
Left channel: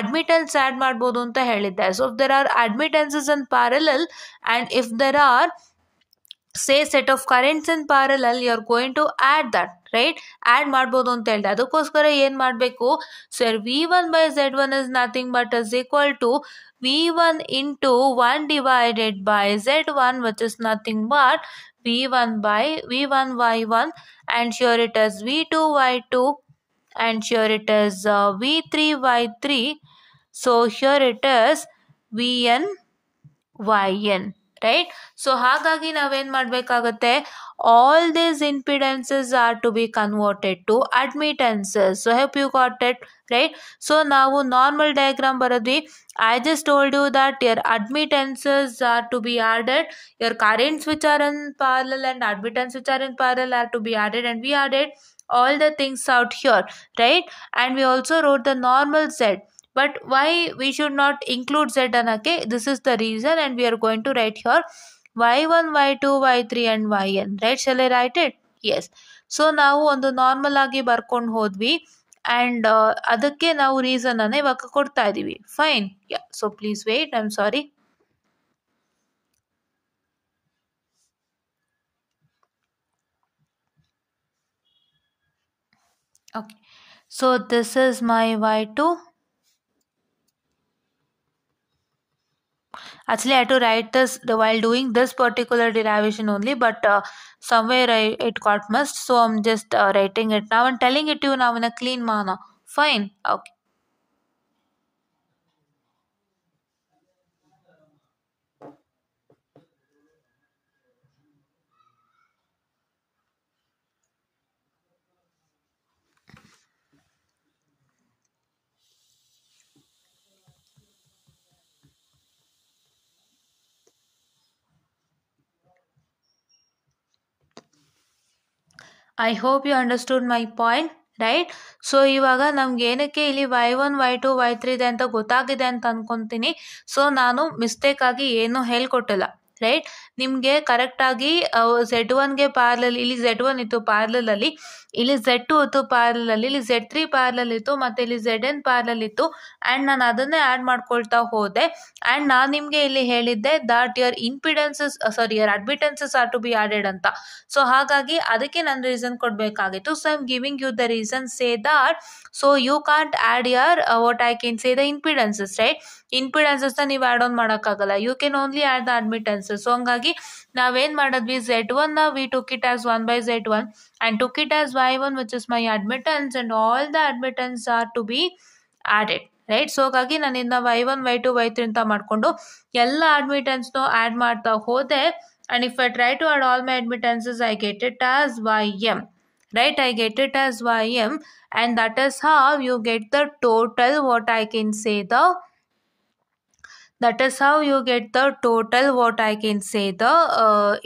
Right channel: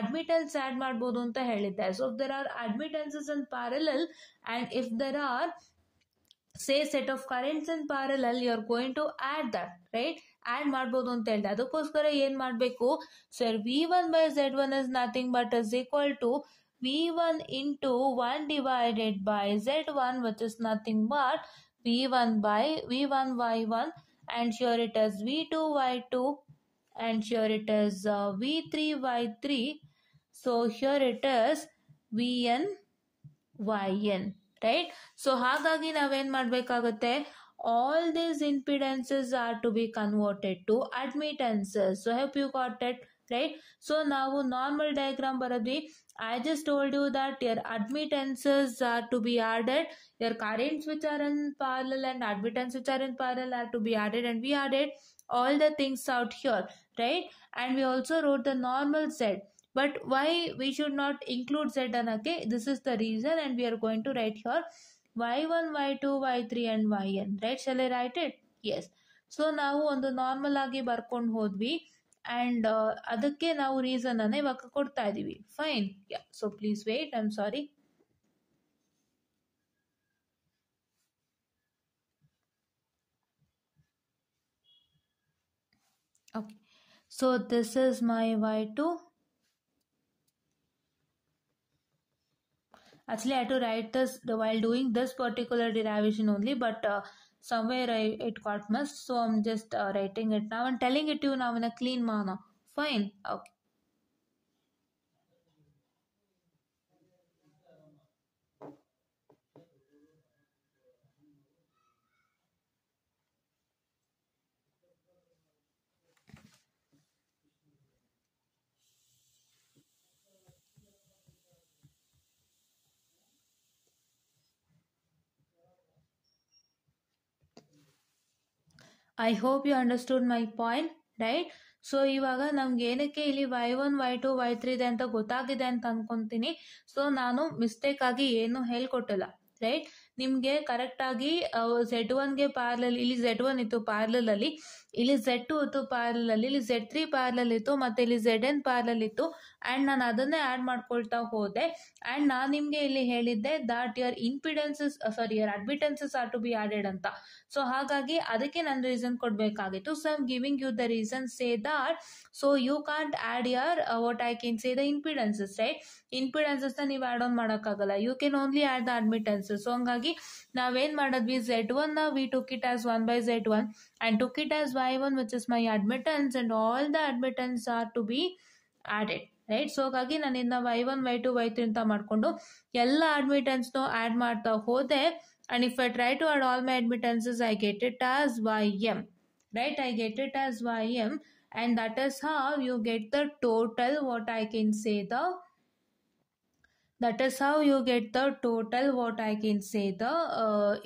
ಅಡ್ಮಿಟೆನ್ಸ್ ಆ್ಯಡ್ ಮಾಡ್ಬೋದು ಅಂತ ಹೇಳಿದ್ದೆ. So if there are admittances in parallel and if there are say set of currents in parallel, you are going to add that, right? Add ಮಾಡ್ಬೋದು ಅಂತ ಹೇಳಿದೆ. ಅದಕ್ಕೋಸ್ಕರ ಏನು ಮಾಡಬೇಕು sir, V1 by Z1 is nothing but is equal to V1 into 1 divided by Z1, which is nothing but V1 by V1 Y1, and here it is V2 Y2, and here it is V3 Y3. So here it is Vn yn, right? So ಹಾಗಾಗಿ ನಾವೇನು ಮಾಡಬೇಕಾಗತ್ತೆ, all these impedances are to be converted to admittances. So hope you got it, right? So ನಾವು normal diagram ಬರೋದ್ವಿ. I just told you that your admittances are to be added, your currents which are in parallel and admittance which are in parallel are to be added, and we added all the things out here, right? And we also wrote the normal Z. But why we should not include Z anake? This is the reason, and we are going to write here Y1, Y2, Y3 and Yn, right? Shall I write it? Yes. So ನಾವು ಒಂದು normal ಆಗಿ ಬರ್ಕೊಂಡು ಹೋದ್ವಿ, and ಅದಕ್ಕೆ ನಾವು reason ಅನ್ನ ಇವಾಗ ಕೊಡ್ತಾ ಇದ್ದೀವಿ. Fine, yeah. So please wait, I am sorry. Okay, so this is my Y2. Actually, I had to write this while doing this particular derivation only, but somewhere it got missed, so I'm just writing it now and telling it to you now in a clean manner. Fine, okay. I hope you understood my point, right? So ಇವಾಗ ನಮ್ಗೆ ಏನಕ್ಕೆ ಇಲ್ಲಿ Y1, Y2, Y3 ಇದೆ ಅಂತ ಗೊತ್ತಾಗಿದೆ ಅಂತ ಅಂದ್ಕೊತೀನಿ. So ನಾನು mistake ಆಗಿ ಏನೂ ಹೇಳ್ಕೊಟ್ಟಿಲ್ಲ, ರೈಟ್? ನಿಮಗೆ ಕರೆಕ್ಟಾಗಿ Z1ಗೆ ಪ್ಯಾರಲಲ್, ಇಲ್ಲಿ Z1 ಇತ್ತು ಪ್ಯಾರಲಲ್ಲಿ, ಇಲ್ಲಿ Z2 ಇತ್ತು ಪ್ಯಾರಲಲ್ಲಿ, ಇಲ್ಲಿ Z3 ಪ್ಯಾರಲಲ್ ಇತ್ತು, ಮತ್ತು ಇಲ್ಲಿ ZN ಪ್ಯಾರಲಲ್ ಇತ್ತು, ಆ್ಯಂಡ್ ನಾನು ಅದನ್ನೇ ಆ್ಯಡ್ ಮಾಡ್ಕೊಳ್ತಾ ಹೋದೆ. ಆ್ಯಂಡ್ ನಾನು ನಿಮಗೆ ಇಲ್ಲಿ ಹೇಳಿದ್ದೆ that your impedances your admittances are to be added ಅಂತ. ಸೊ ಹಾಗಾಗಿ ಅದಕ್ಕೆ ನಾನು ರೀಸನ್ ಕೊಡಬೇಕಾಗಿತ್ತು. So I am giving you the reason, say that so you can't add your what I can say the impedances, right? ಇಂಪಿಡೆನ್ಸಸ್ನ ನೀವು add on ಮಾಡೋಕ್ಕಾಗಲ್ಲ, you can only add the admittances. So ಹಂಗಾಗಿ ನಾವೇನು ಮಾಡಿದ್ವಿ, Z1 we took it as 1 by Z1 and took it as Y1, which is my admittance, and all the admittance are to be added, right? So ಹಾಗಾಗಿ ನಾನು ಇದನ್ನ Y1, Y2, Y3 ಅಂತ ಮಾಡಿಕೊಂಡು ಎಲ್ಲ ಅಡ್ಮಿಟೆನ್ಸ್ನು add ಮಾಡ್ತಾ ಹೋದೆ. and if I try to add all my admittances, I get it as Ym, right? I get it as Ym, and that is how you get the total, what I can say the what I can say the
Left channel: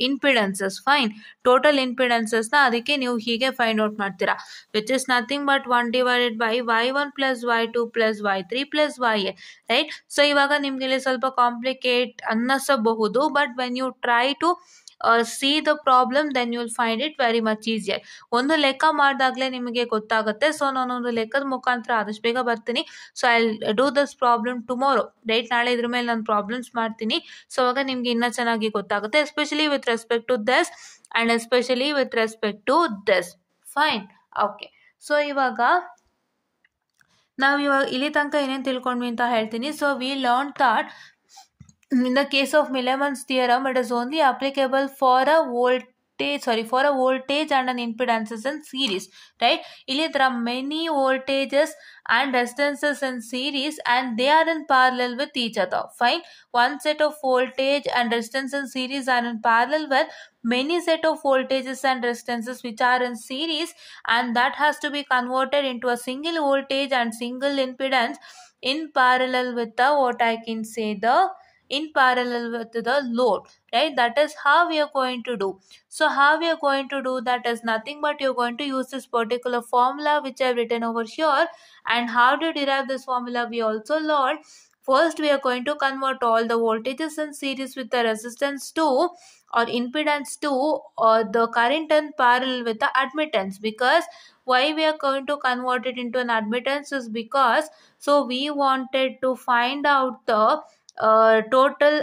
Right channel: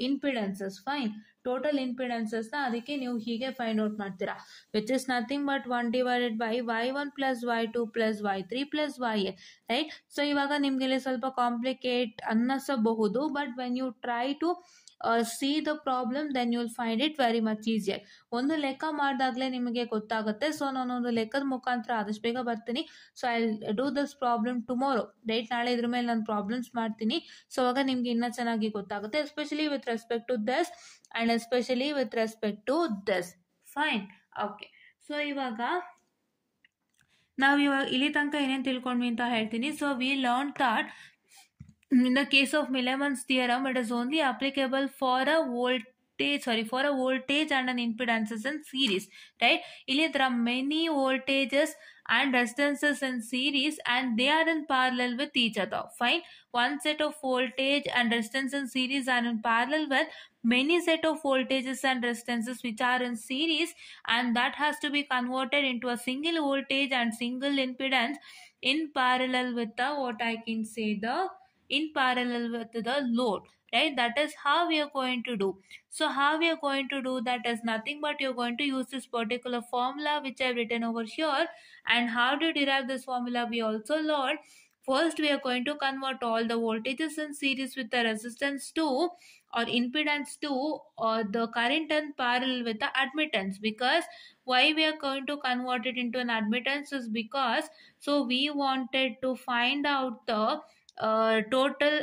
impedances. Fine, total impedances na ಅದಕ್ಕೆ ನೀವು ಹೀಗೆ find out ಮಾಡ್ತೀರಾ, which is nothing but 1 divided by Y1 plus Y2 plus Y3 plus Yn, right? So ಇವಾಗ ನಿಮ್ಗೆ ಇಲ್ಲಿ ಸ್ವಲ್ಪ complicate ಅನ್ನಿಸಬಹುದು, but when you try to see the problem, then you will find it very much easier. ಒಂದು ಲೆಕ್ಕ ಮಾಡಿದಾಗಲೇ ನಿಮಗೆ ಗೊತ್ತಾಗುತ್ತೆ. So ನಾನೊಂದು ಲೆಕ್ಕದ ಮುಖಾಂತರ ಆದಷ್ಟು ಬೇಗ ಬರ್ತೀನಿ. So I do this problem tomorrow, right? ನಾಳೆ ಇದ್ರ ಮೇಲೆ ನಾನು ಪ್ರಾಬ್ಲಮ್ಸ್ ಮಾಡ್ತೀನಿ. ಸೊ ಅವಾಗ ನಿಮ್ಗೆ ಇನ್ನೂ ಚೆನ್ನಾಗಿ ಗೊತ್ತಾಗುತ್ತೆ, especially with respect to this and especially with respect to this. Fine, okay. So ಇವಾಗ ಇಲ್ಲಿ ತನಕ ಏನೇನು ತಿಳ್ಕೊಂಡ್ವಿ ಅಂತ ಹೇಳ್ತೀನಿ. So we learn that in the case of Milliman's theorem, it is only applicable for a voltage and an impedances in series, right? There are many voltages and resistances in series and they are in parallel with each other. Fine. One set of voltage and resistance in series are in parallel with many set of voltages and resistances which are in series, and that has to be converted into a single voltage and single impedance in parallel with the in parallel with the load, right? That is how we are going to do. So how we are going to do that is nothing but you're going to use this particular formula which I've written over here. And how to derive this formula we also learned. First, we are going to convert all the voltages in series with the resistance to or impedance to or the current in parallel with the admittance. Because why we are going to convert it into an admittance is because so we wanted to find out the total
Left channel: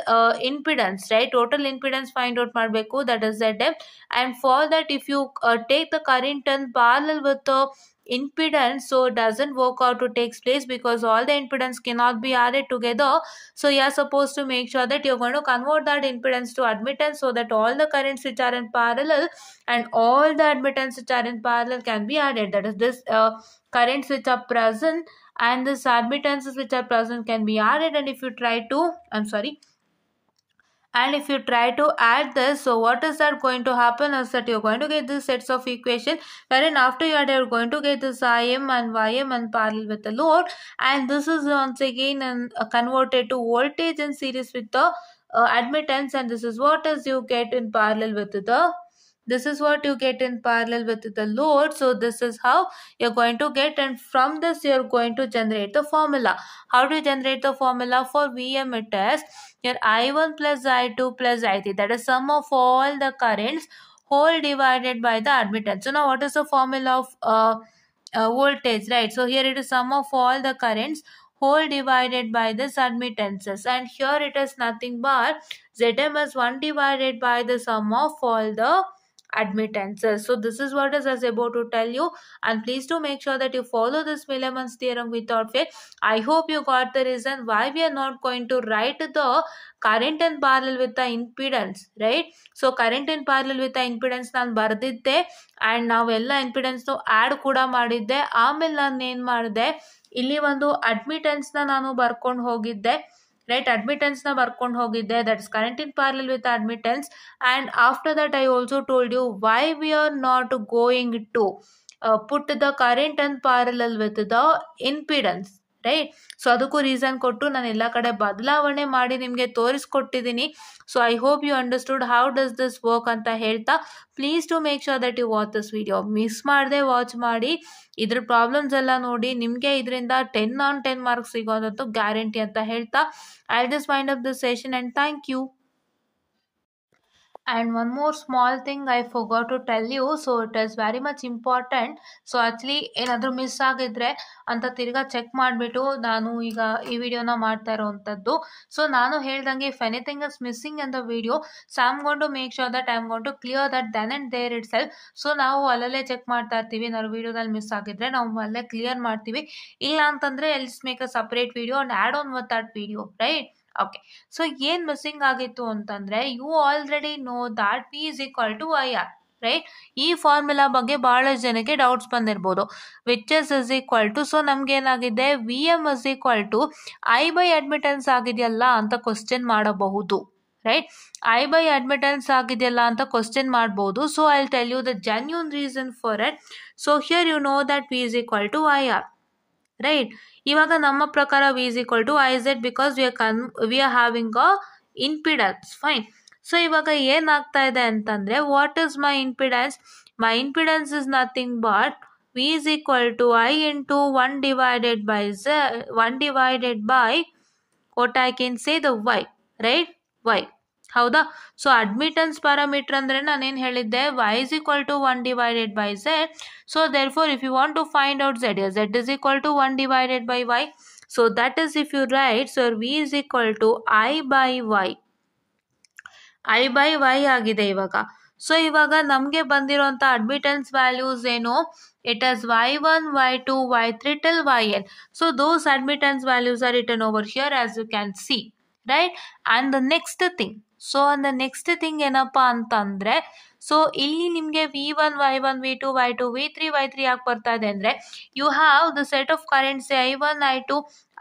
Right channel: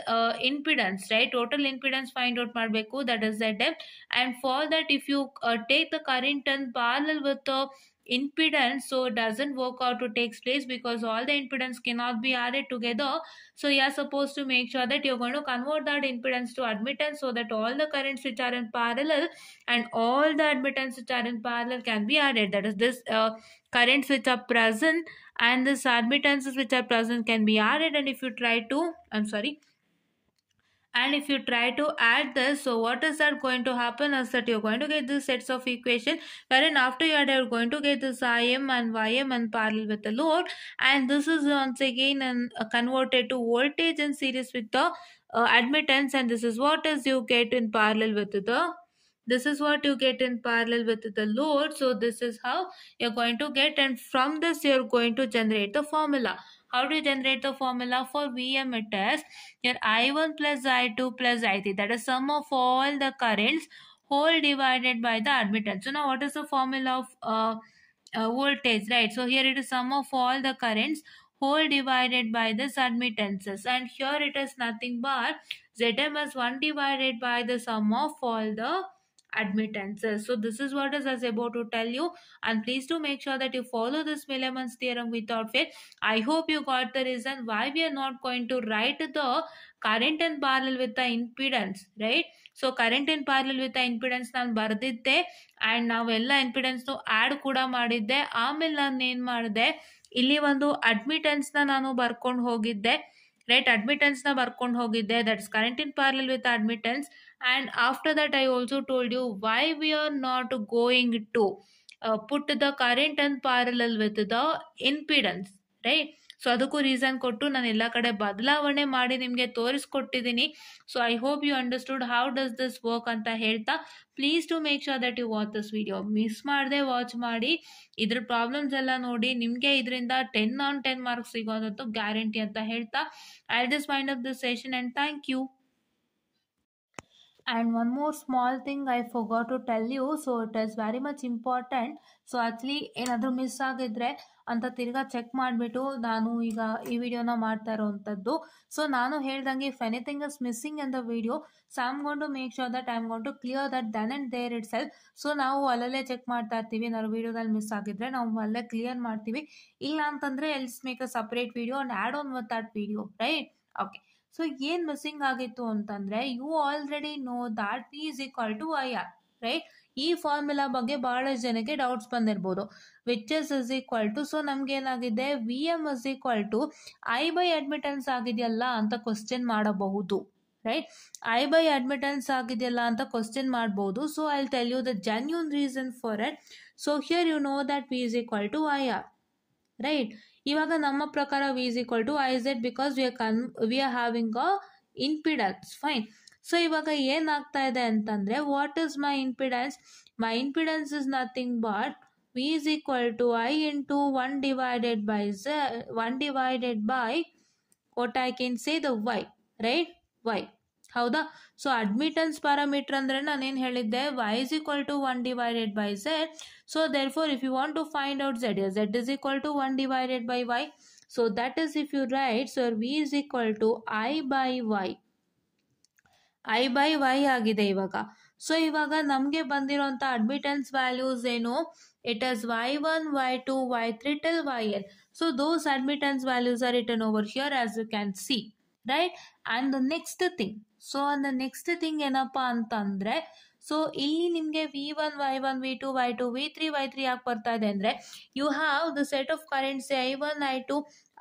impedance, right? Total impedance find out ಮಾಡಬೇಕು, that is ZM. And for that, if you take the current in parallel with the impedance, so it doesn't work out to takes place because all the impedance cannot be added together. So you are supposed to make sure that you're going to convert that impedance to admittance so that all the currents which are in parallel and all the admittance which are in parallel can be added. That is this currents which are present and this admittances which are present can be added. And if you try to add this, so what is that going to happen is that you're going to get these sets of equation wherein after you add, you're going to get this Im and Ym and parallel with the load, and this is once again converted to voltage in series with the admittance, and this is what is you get in parallel with the load. So this is how you're going to get, and from this you're going to generate the formula. How do you generate the formula for Vm? It is your I1 plus I2 plus I3, that is sum of all the currents whole divided by the admittance. So now what is the formula of voltage, right? So here it is sum of all the currents whole divided by this admittances, and here it is nothing but Zm is 1 divided by the sum of all the admittances. So this is what is I was about to tell you, and please do make sure that you follow this Millman's theorem without fail. I hope you got the reason why we are not going to write the current in parallel with the impedance, right? So current in parallel with the impedance ನಾನು ಬರೆದಿದ್ದೆ and ನಾವೆಲ್ಲ impedance add ಕೂಡ ಮಾಡಿದ್ದೆ. ಆಮೇಲೆ ನಾನು ಏನು ಮಾಡಿದೆ, ಇಲ್ಲಿ ಒಂದು ಅಡ್ಮಿಟೆನ್ಸ್ ನಾನು ಬರ್ಕೊಂಡು ಹೋಗಿದ್ದೆ, right? Admittance na ಬರ್ಕೊಂಡು ಹೋಗಿದ್ದೆ, that is current in parallel with admittance. And after that I also told you why we are not going to put the current in parallel with the impedance, right? So ಅದಕ್ಕೂ reason ಕೊಟ್ಟು ನಾನು ಎಲ್ಲ ಕಡೆ ಬದಲಾವಣೆ ಮಾಡಿ ನಿಮಗೆ ತೋರಿಸ್ಕೊಟ್ಟಿದ್ದೀನಿ. So I hope you understood how does this work ಅಂತ ಹೇಳ್ತಾ, please to make sure that you watch this video. Miss ಮಾಡದೆ ವಾಚ್ ಮಾಡಿ, ಇದ್ರ ಪ್ರಾಬ್ಲಮ್ಸ್ ಎಲ್ಲ ನೋಡಿ, ನಿಮಗೆ ಇದರಿಂದ 10 on 10 ಮಾರ್ಕ್ಸ್ ಸಿಗೋದಂತೂ ಗ್ಯಾರಂಟಿ ಅಂತ ಹೇಳ್ತಾ I just wind up this session and thank you. And one more small thing I forgot to tell you, so it is very much important. So actually ಏನಾದರೂ miss ಆಗಿದ್ರೆ ಅಂತ ತಿರ್ಗಾ check ಮಾಡಿಬಿಟ್ಟು ನಾನು ಈಗ ಈ ವಿಡಿಯೋನ ಮಾಡ್ತಾ ಇರೋವಂಥದ್ದು. ಸೊ ನಾನು ಹೇಳ್ದಂಗೆ if anything is missing in the video, so I am gonna make sure that I am gonna clear that then and there itself. So ನಾವು ಅಲ್ಲಲ್ಲೇ ಚೆಕ್ ಮಾಡ್ತಾ ಇರ್ತೀವಿ, ನಾವು ವಿಡಿಯೋದಲ್ಲಿ ಮಿಸ್ ಆಗಿದ್ರೆ ನಾವು ಅಲ್ಲೇ ಕ್ಲಿಯರ್ ಮಾಡ್ತೀವಿ. ಇಲ್ಲ ಅಂತಂದರೆ else make a separate video and add on with that video, right? Okay, so ಏನು ಮಿಸ್ಸಿಂಗ್ ಆಗಿತ್ತು ಅಂತಂದರೆ, you already know that P is equal to I R, right? ಈ ಫಾರ್ಮುಲಾ ಬಗ್ಗೆ ಭಾಳಷ್ಟು ಜನಕ್ಕೆ ಡೌಟ್ಸ್ ಬಂದಿರ್ಬೋದು. Which is equal to, so ನಮಗೇನಾಗಿದೆ, V M is equal to I by admittance ಆಗಿದೆಯಲ್ಲ ಅಂತ ಕ್ವಶನ್ ಮಾಡಬಹುದು, ರೈಟ್? ಐ ಬೈ ಅಡ್ಮಿಟೆನ್ಸ್ ಆಗಿದೆಯಲ್ಲ ಅಂತ ಕ್ವಶನ್ ಮಾಡ್ಬೋದು. So I will tell you the genuine reason for it. So here you know that P is equal to I R, right? ಇವಾಗ ನಮ್ಮ ಪ್ರಕಾರ V is equal to I Z because we are having a impedance, fine. So ಇವಾಗ ಏನಾಗ್ತಾ ಇದೆ ಅಂತಂದರೆ, what is my impedance? My impedance is nothing but V is equal to I into 1 divided by what I can say the Y, right? Y, ಹೌದಾ? So admittance parameter ಅಂದರೆ ನಾನೇನು ಹೇಳಿದ್ದೆ, y is equal to 1 divided by z. So therefore if you want to find out z is equal to 1 divided by y. So that is if you write, so v is equal to I by y ಆಗಿದೆ ಇವಾಗ. So ಇವಾಗ ನಮಗೆ ಬಂದಿರೋಂಥ admittance values ಏನು? It is y1, y2, y3 till yn. So those admittance values are written over here as you can see, right? And the next thing, so the next thing ಏನಪ್ಪ ಅಂತಂದರೆ, so ಇಲ್ಲಿ ನಿಮಗೆ V1 Y1 V2 Y2 V3 Y3 ಯಾಕೆ ಬರ್ತಾ ಇದೆ ಅಂದರೆ you have the set of currents I1 I2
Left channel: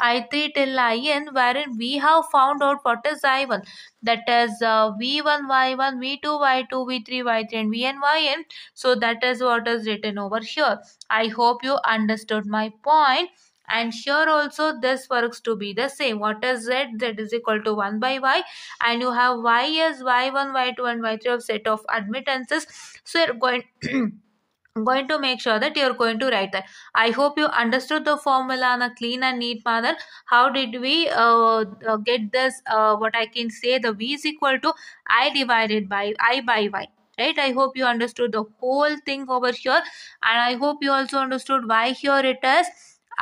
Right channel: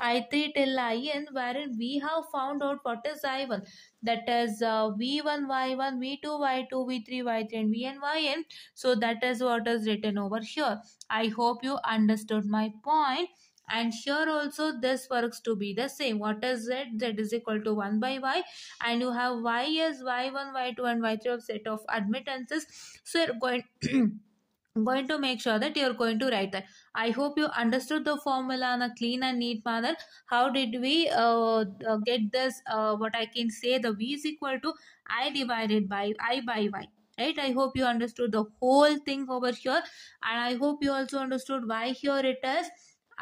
I3 till IN wherein we have found out what is I1, that is V1 Y1 V2 Y2 V3 Y3 and Vn Yn. So that is what is written over here. I hope you understood my point. And here also this works to be the same. What is z? Z is equal to 1 by y, and you have y as y1 y2 and y3 of set of admittances. So you're going to make sure that you're going to write that. I hope you understood the formula in a clean and neat manner. How did we get this? What I can say, the v is equal to I divided by I by y. Right? I hope you understood the whole thing over here, and I hope you also understood why here it is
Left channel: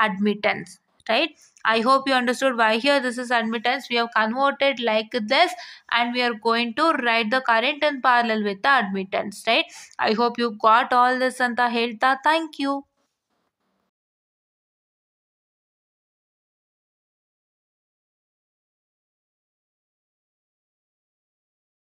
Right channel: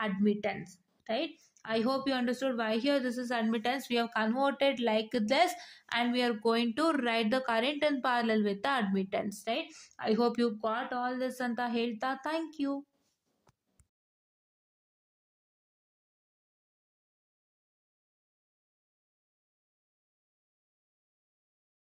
admittance. Right? I hope you understood why here this is admittance. We have converted like this, and we are going to write the current in parallel with the admittance. Right? I hope you got all this anta ಹೇಳ್ತಾ. Thank you.